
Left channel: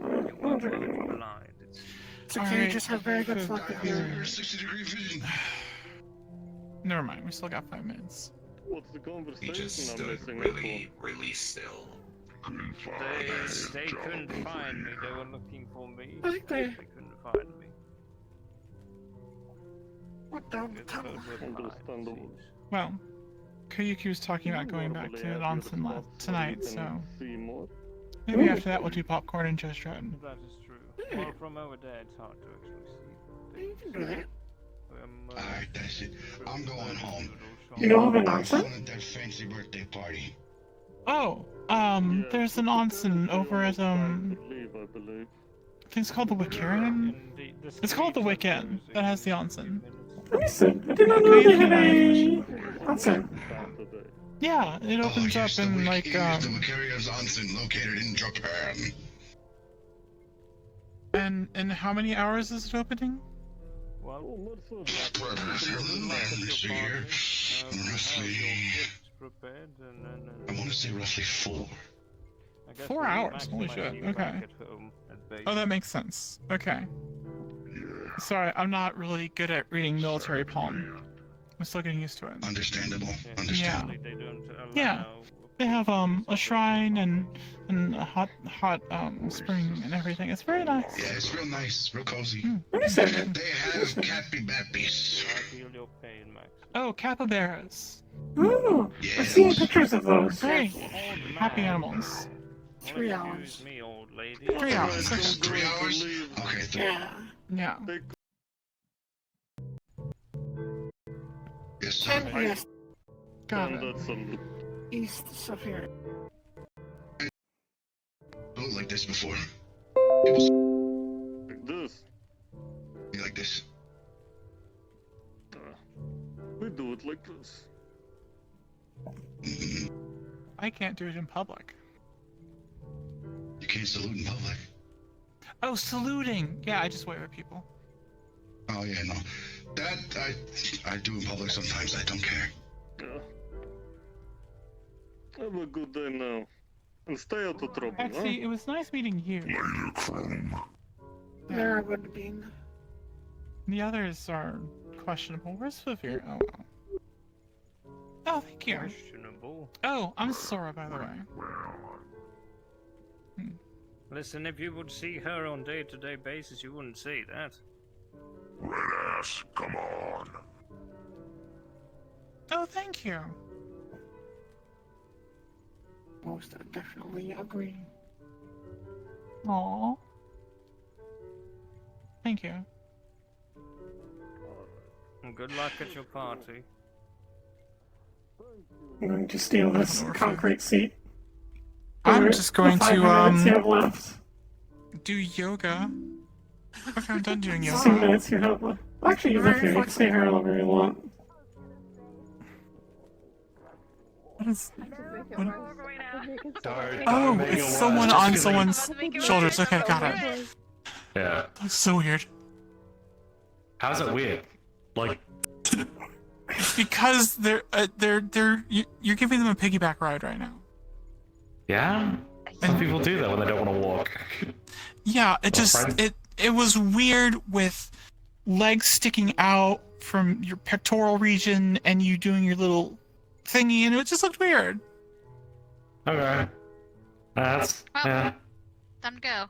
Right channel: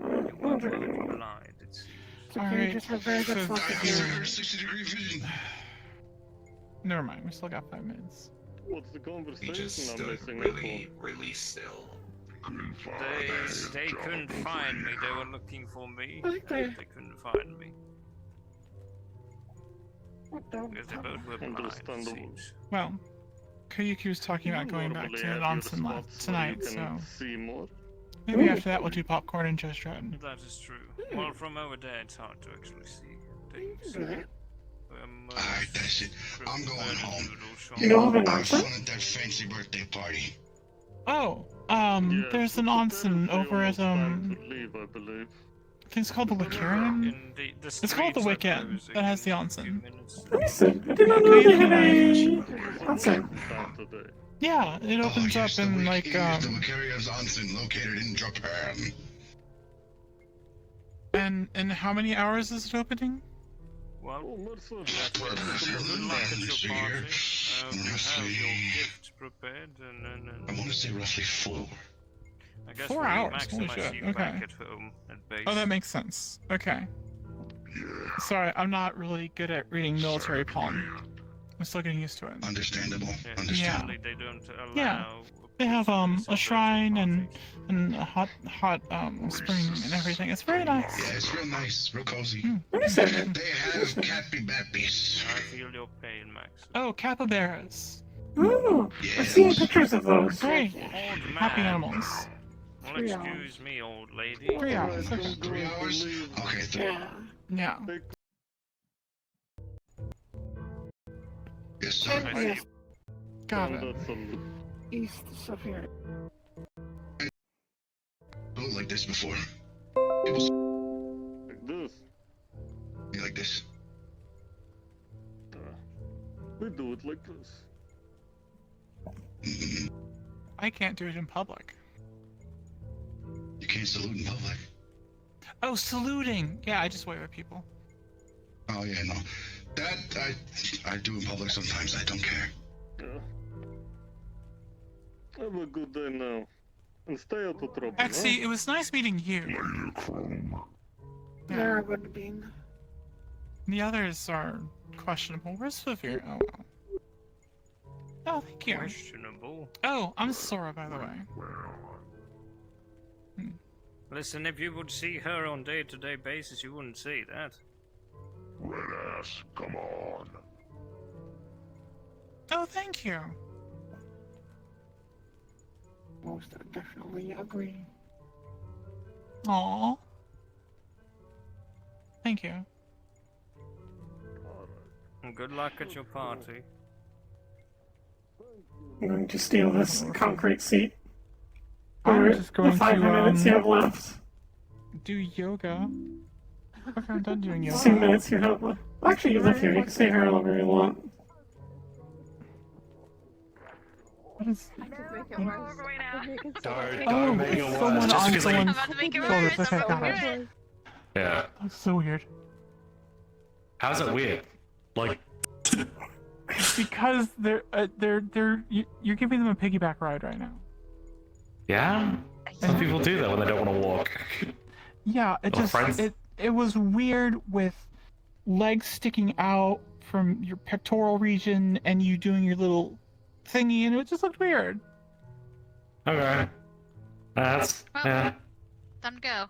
Not really well. It's okay, just have very good focus here. Never mind, we still got 5 minutes. What's the conversation I'm missing really still. They couldn't find me. They were looking for me. Okay. They couldn't find me. What the? Understandable. Well, Koyuki was talking about going back to Onsen tonight, so maybe after that we'll do popcorn and Just Rotten. That is true. Well, from over there, it's hard to actually see things. Alright, that's it. I'm going home. You don't have an I'm answer? going to that fancy birthday party. Oh, there's an onsen over at, I think it's called the Wickarian? It's called the Wicken that has the onsen. Listen, I did not know they had a onsen. Yeah, it opens up in like, The Wickarian's onsen located in Japan. And how many hours is it opening? Let's see here. Roughly... I want to say roughly 4. 4 hours? Holy shit, okay. Oh, that makes sense. Okay. Sorry, I'm not really good at reading military palm. I'm still getting used to it. Understandable. Yeah. Yeah. They have a shrine and a hot spring and everything. It's very nice. Yeah, it's real nice, real cozy. What is that? They have capybaras. Oh, capybaras. Oh, I've seen pictures of those. Very happy animals. 3 hours. Excuse me, old lady. 3 hours. 3 hours? Okay, 3. Yeah. Yes, sir. Yes. Got it. East of here. Built like this before. Like this? Like this. We do it like this. I can't do it in public. You can't salute in public. Oh, saluting! Yeah, I just wave at people. Oh yeah, no. That I do in public sometimes. I don't care. Yeah. Have a good day now. And stay out of trouble, Actually, it was nice meeting you. There I would have been. The others are questionable. Where's Severe? Oh, well. Oh, thank you. Questionable. Oh, I'm Sora, by the way. Listen, if you would see her on day-to-day basis, you wouldn't see that. Red ass, come on. Oh, thank you. Most definitely agree. Aww. Thank you. Well, good luck at your party. I'm going to steal this concrete seat. I'm just going the 5 minutes you have to left. do yoga. Okay, I'm done doing yoga. 2 minutes you have left. Actually, you live here. You can stay here longer you want. What is... Don't Oh, make it it's someone worse. on someone's shoulders. Okay, got it. Yeah. That's so weird. How's it weird? Like, Because you're giving them a piggyback ride right now. Yeah? Some people do that when they don't want to walk. Yeah, it was weird with legs sticking out from your pectoral region and you doing your little thingy, and it just looked weird. Okay. That's yeah. Time to go.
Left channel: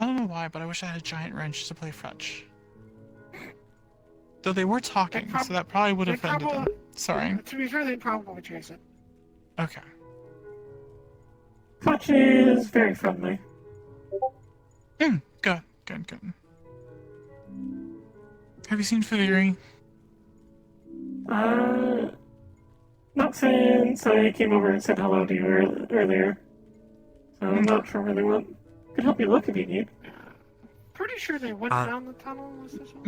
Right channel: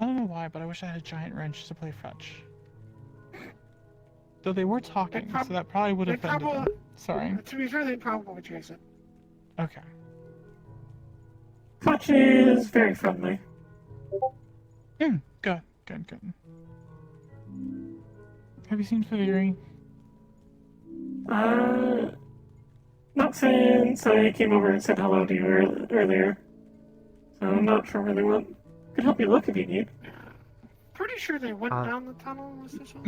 I don't know why, but I wish I had a giant wrench to play fetch. Though they were talking, so that probably would have ended them. Sorry. To be fair, they probably chase it. Okay. Fetch is very friendly. Good. Have you seen Faviri? Not since I came over and said hello to you earlier. So I'm not sure where they went. Could help you look if you need. Pretty sure they went down the tunnel.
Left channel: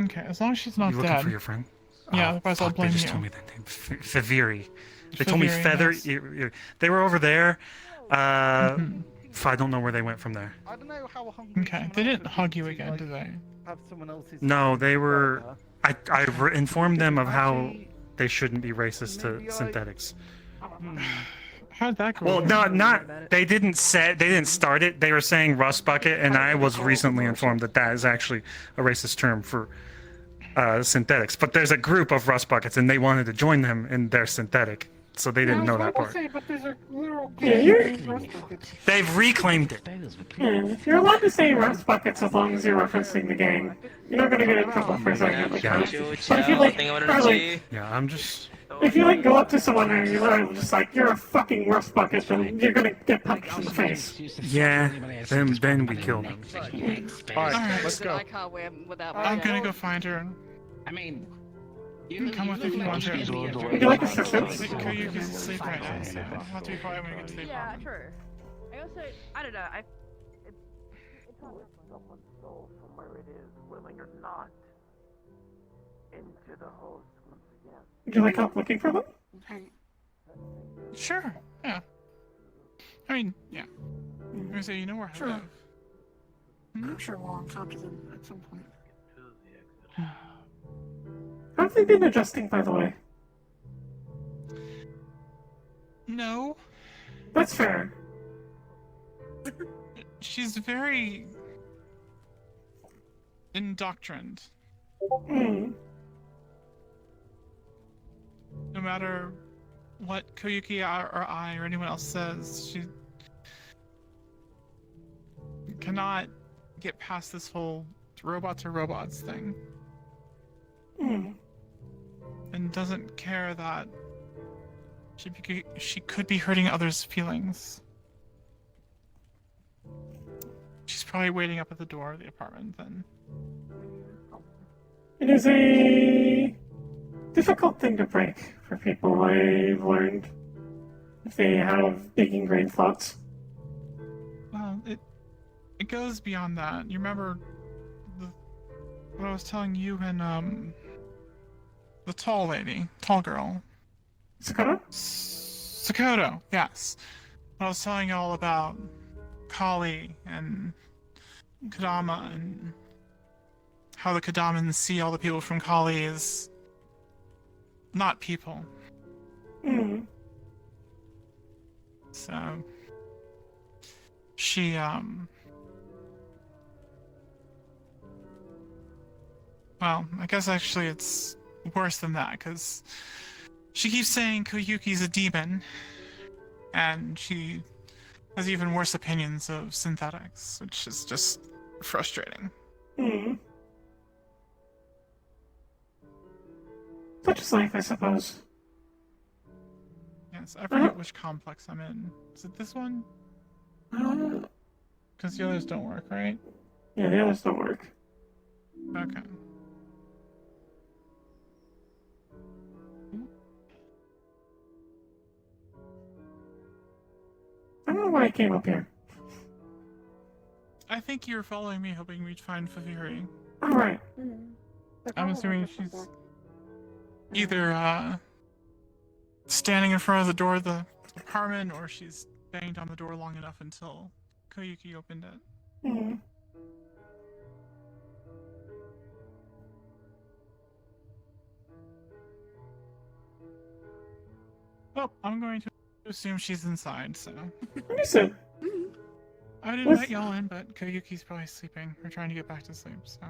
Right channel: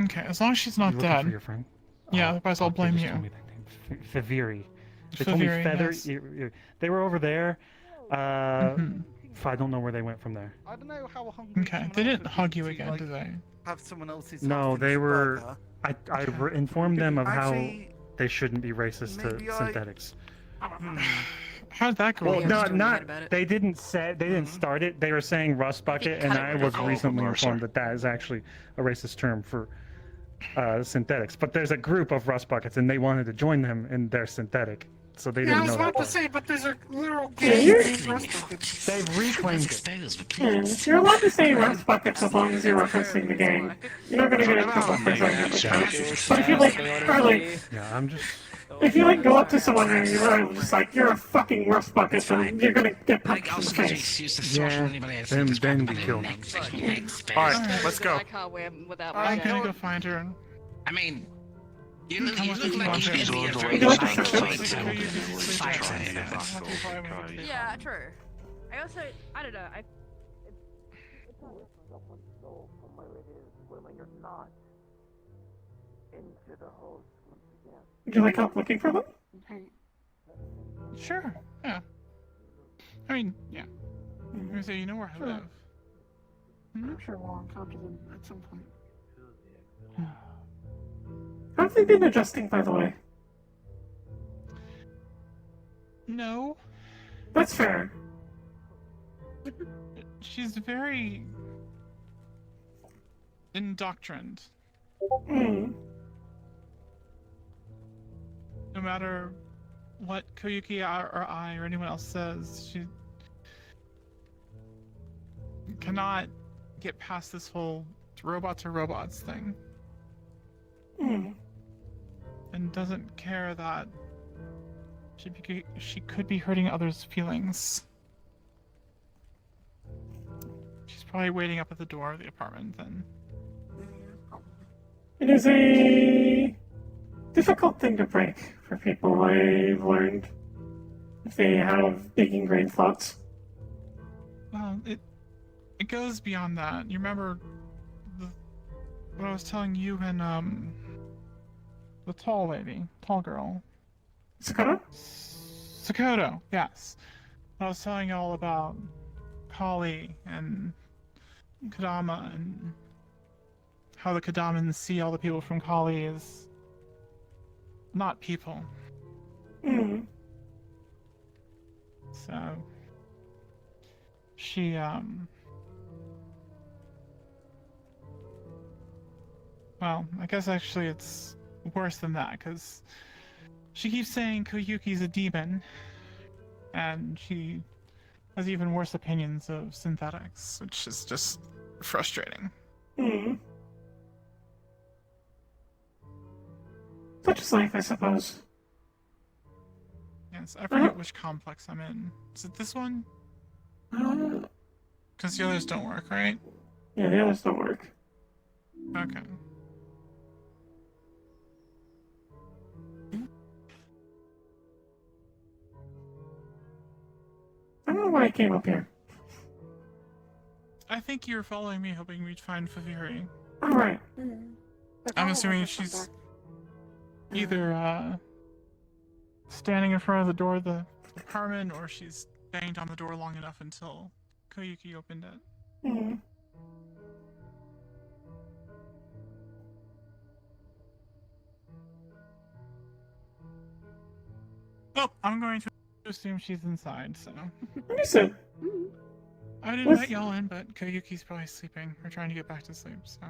Okay, as long as she's not You dead. looking for your friend? Yeah, otherwise I'll blame They just you. told me that name. Faviri. They told me Faviri, Feather. yes. They were over there. I don't know where they went from there. I don't know how hungry. Okay, they didn't hug you again, did they? Have someone else's. No, they were. I informed them of how they shouldn't be racist to synthetics. How'd that go? Well, not. They didn't start it. They were saying rust bucket, and I was recently informed that is actually a racist term for synthetics. But there's a group of rust buckets, and they wanted to join them in their synthetic, so they didn't know that part. But there's a literal. They've reclaimed it. You're allowed to say rust buckets as long as you're referencing the gang. You're not gonna get in trouble for saying it like that. But if you Yeah, I'm just. If you go up to someone and you're just like, you're a fucking rust bucket, then you're gonna get punched in the face. Yeah, then we kill them. Alright, let's go. I can't win without my I'm jacket. gonna go find her. I mean, Come with me if you want to. Would you like assistance? Yeah, true. I also, I don't know. It's not someone's soul from where it is, willing or not, into the host once again. Would you like help looking for them? Sure, yeah. I mean, yeah. I say, you know where I live. I'm sure we'll talk to them at some point. How have they been adjusting, by the way? No. That's fair. She's very indoctrined. Mm. No matter what Koyuki or I or anyone else says, she cannot get past this whole robots are robots thing. Mm. And doesn't care that she could be hurting others' feelings. She's probably waiting up at the door of the apartment then. It is a difficult thing to break for people, I've learned, if they have big ingrained thoughts. Well, it goes beyond that. You remember what I was telling you and the tall girl. Sakura? Sakoto, yes. I was telling you all about Kali and Kadama and how the Kadamans see all the people from Kali as not people. Mm. So she well, I guess actually it's worse than that, because she keeps saying Koyuki's a demon, and she has even worse opinions of synthetics, which is just frustrating. Mm. Such is life, I suppose. Yes, I forget which complex I'm in. Is it this one? Because the others don't work, right? Yeah, the others don't work. Okay. I don't know why I came up here. I think you're following me, hoping we'd find Faviri. Alright. I'm assuming she's either standing in front of the door of the apartment, or she's banged on the door long enough until Koyuki opened it. Mm. Well, I'm going to assume she's inside, so. Understood. I didn't let y'all in, but Koyuki's probably sleeping or trying to get back to sleep, so.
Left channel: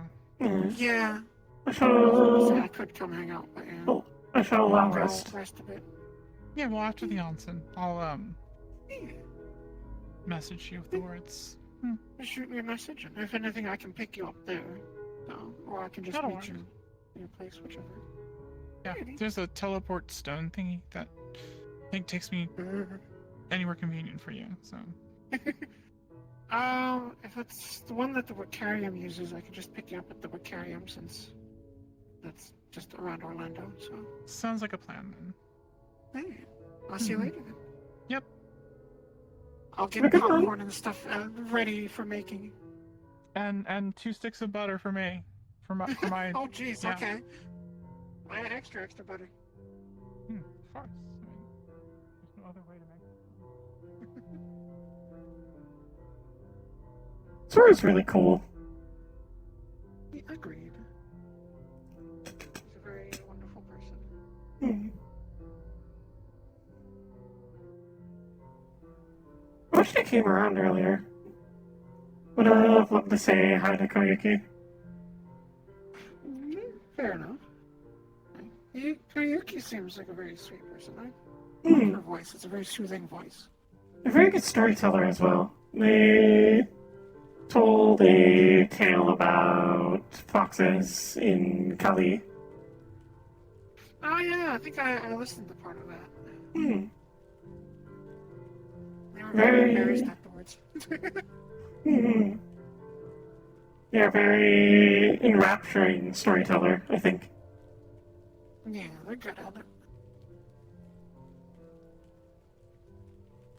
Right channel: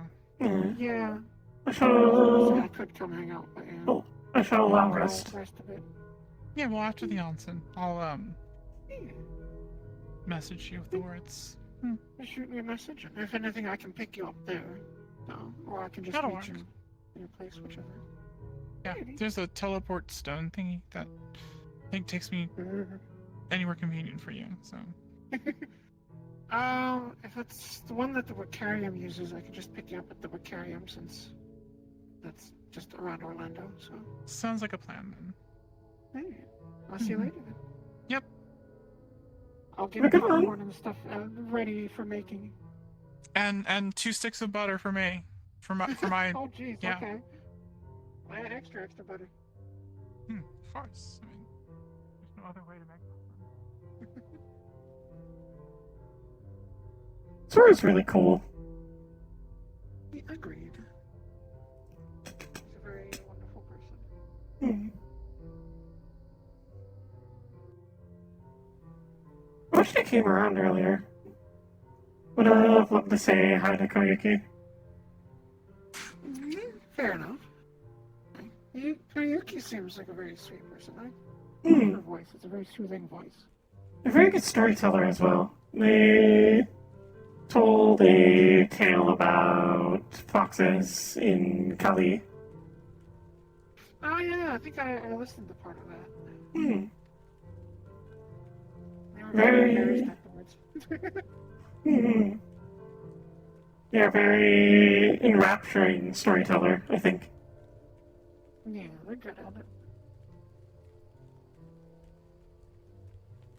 Yeah. I shall. I could come hang out, but yeah. Oh, I shall allow rest. Rest a bit. Yeah, well, after the onsen, I'll, message you with the words. Just shoot me a message, and if anything, I can pick you up there. Or I can just meet you in your place, whichever. Yeah, there's a teleport stone thingy that I think takes me anywhere convenient for you, so. If it's the one that the Vicarium uses, I can just pick you up at the Vicarium since that's just around Orlando, so. Sounds like a plan then. Hey, I'll see you later. Yep. I'll get popcorn and stuff ready for making. And 2 sticks of butter for me. For my Oh jeez, yeah. okay. I had extra butter. Of course. I mean, there's no other way to make it. Sora's really cool. Agreed. He's a very wonderful person. I wish they came around earlier. Would have loved to say hi to Koyuki. Fair enough. Koyuki seems like a very sweet person, right? Her voice, it's a very soothing voice. A very good storyteller as well. They told a tale about foxes in Kali. Oh yeah, I think I listened to part of that. Very... Yeah, very enrapturing storyteller, I think. Yeah, they're good at it.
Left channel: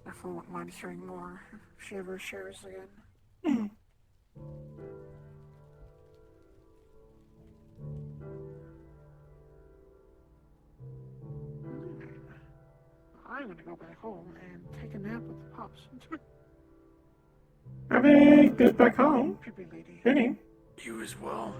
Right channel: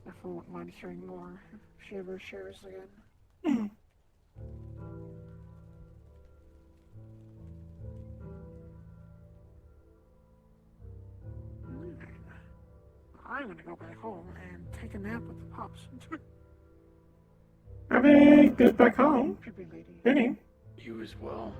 If I wouldn't mind hearing more, if she ever shares again. I'm gonna go back home and take a nap with the pups. Abby, get back home. Vinny. You as well.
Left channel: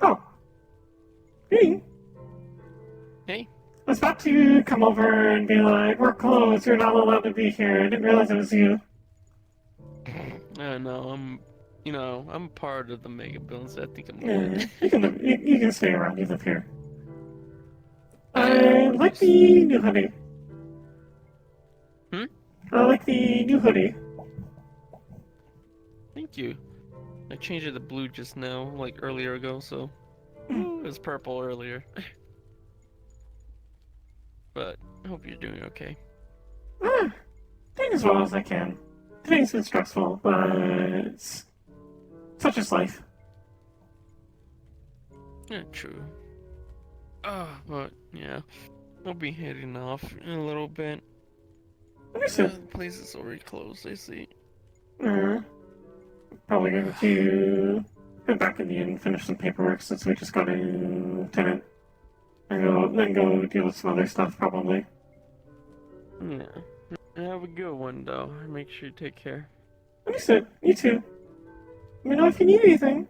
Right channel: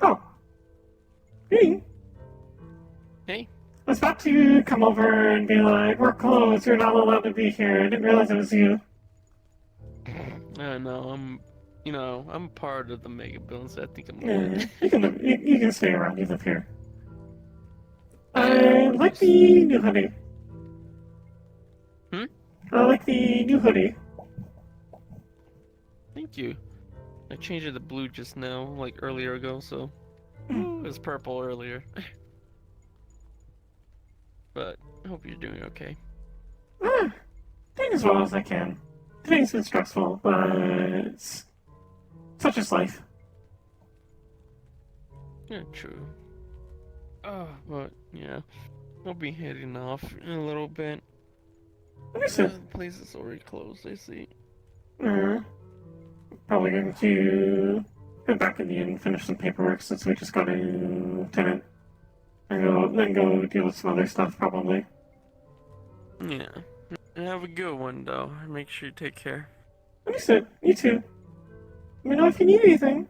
Oh. Vinny. Hey. I was about to come over and be like, we're closed, you're not allowed to be here. I didn't realize it was you. I know, I'm part of the Mega Build, so I think I'm Yeah, good. you can stay around, you live here. I like the new hoodie. I like the new hoodie. Thank you. I changed it to blue just now, like earlier ago, so it was purple earlier. But I hope you're doing okay. Doing as well as I can. Today's been stressful, but it's such is life. Yeah, true. But yeah, I'll be heading off in a little bit. Understood. The place is already closed, I see. Probably going to head back in the inn and finish some paperwork since we just got a tenant. And then go deal with some other stuff, probably. Yeah. Have a good one, though. Make sure you take care. Understood. You too. Let me know if you need anything.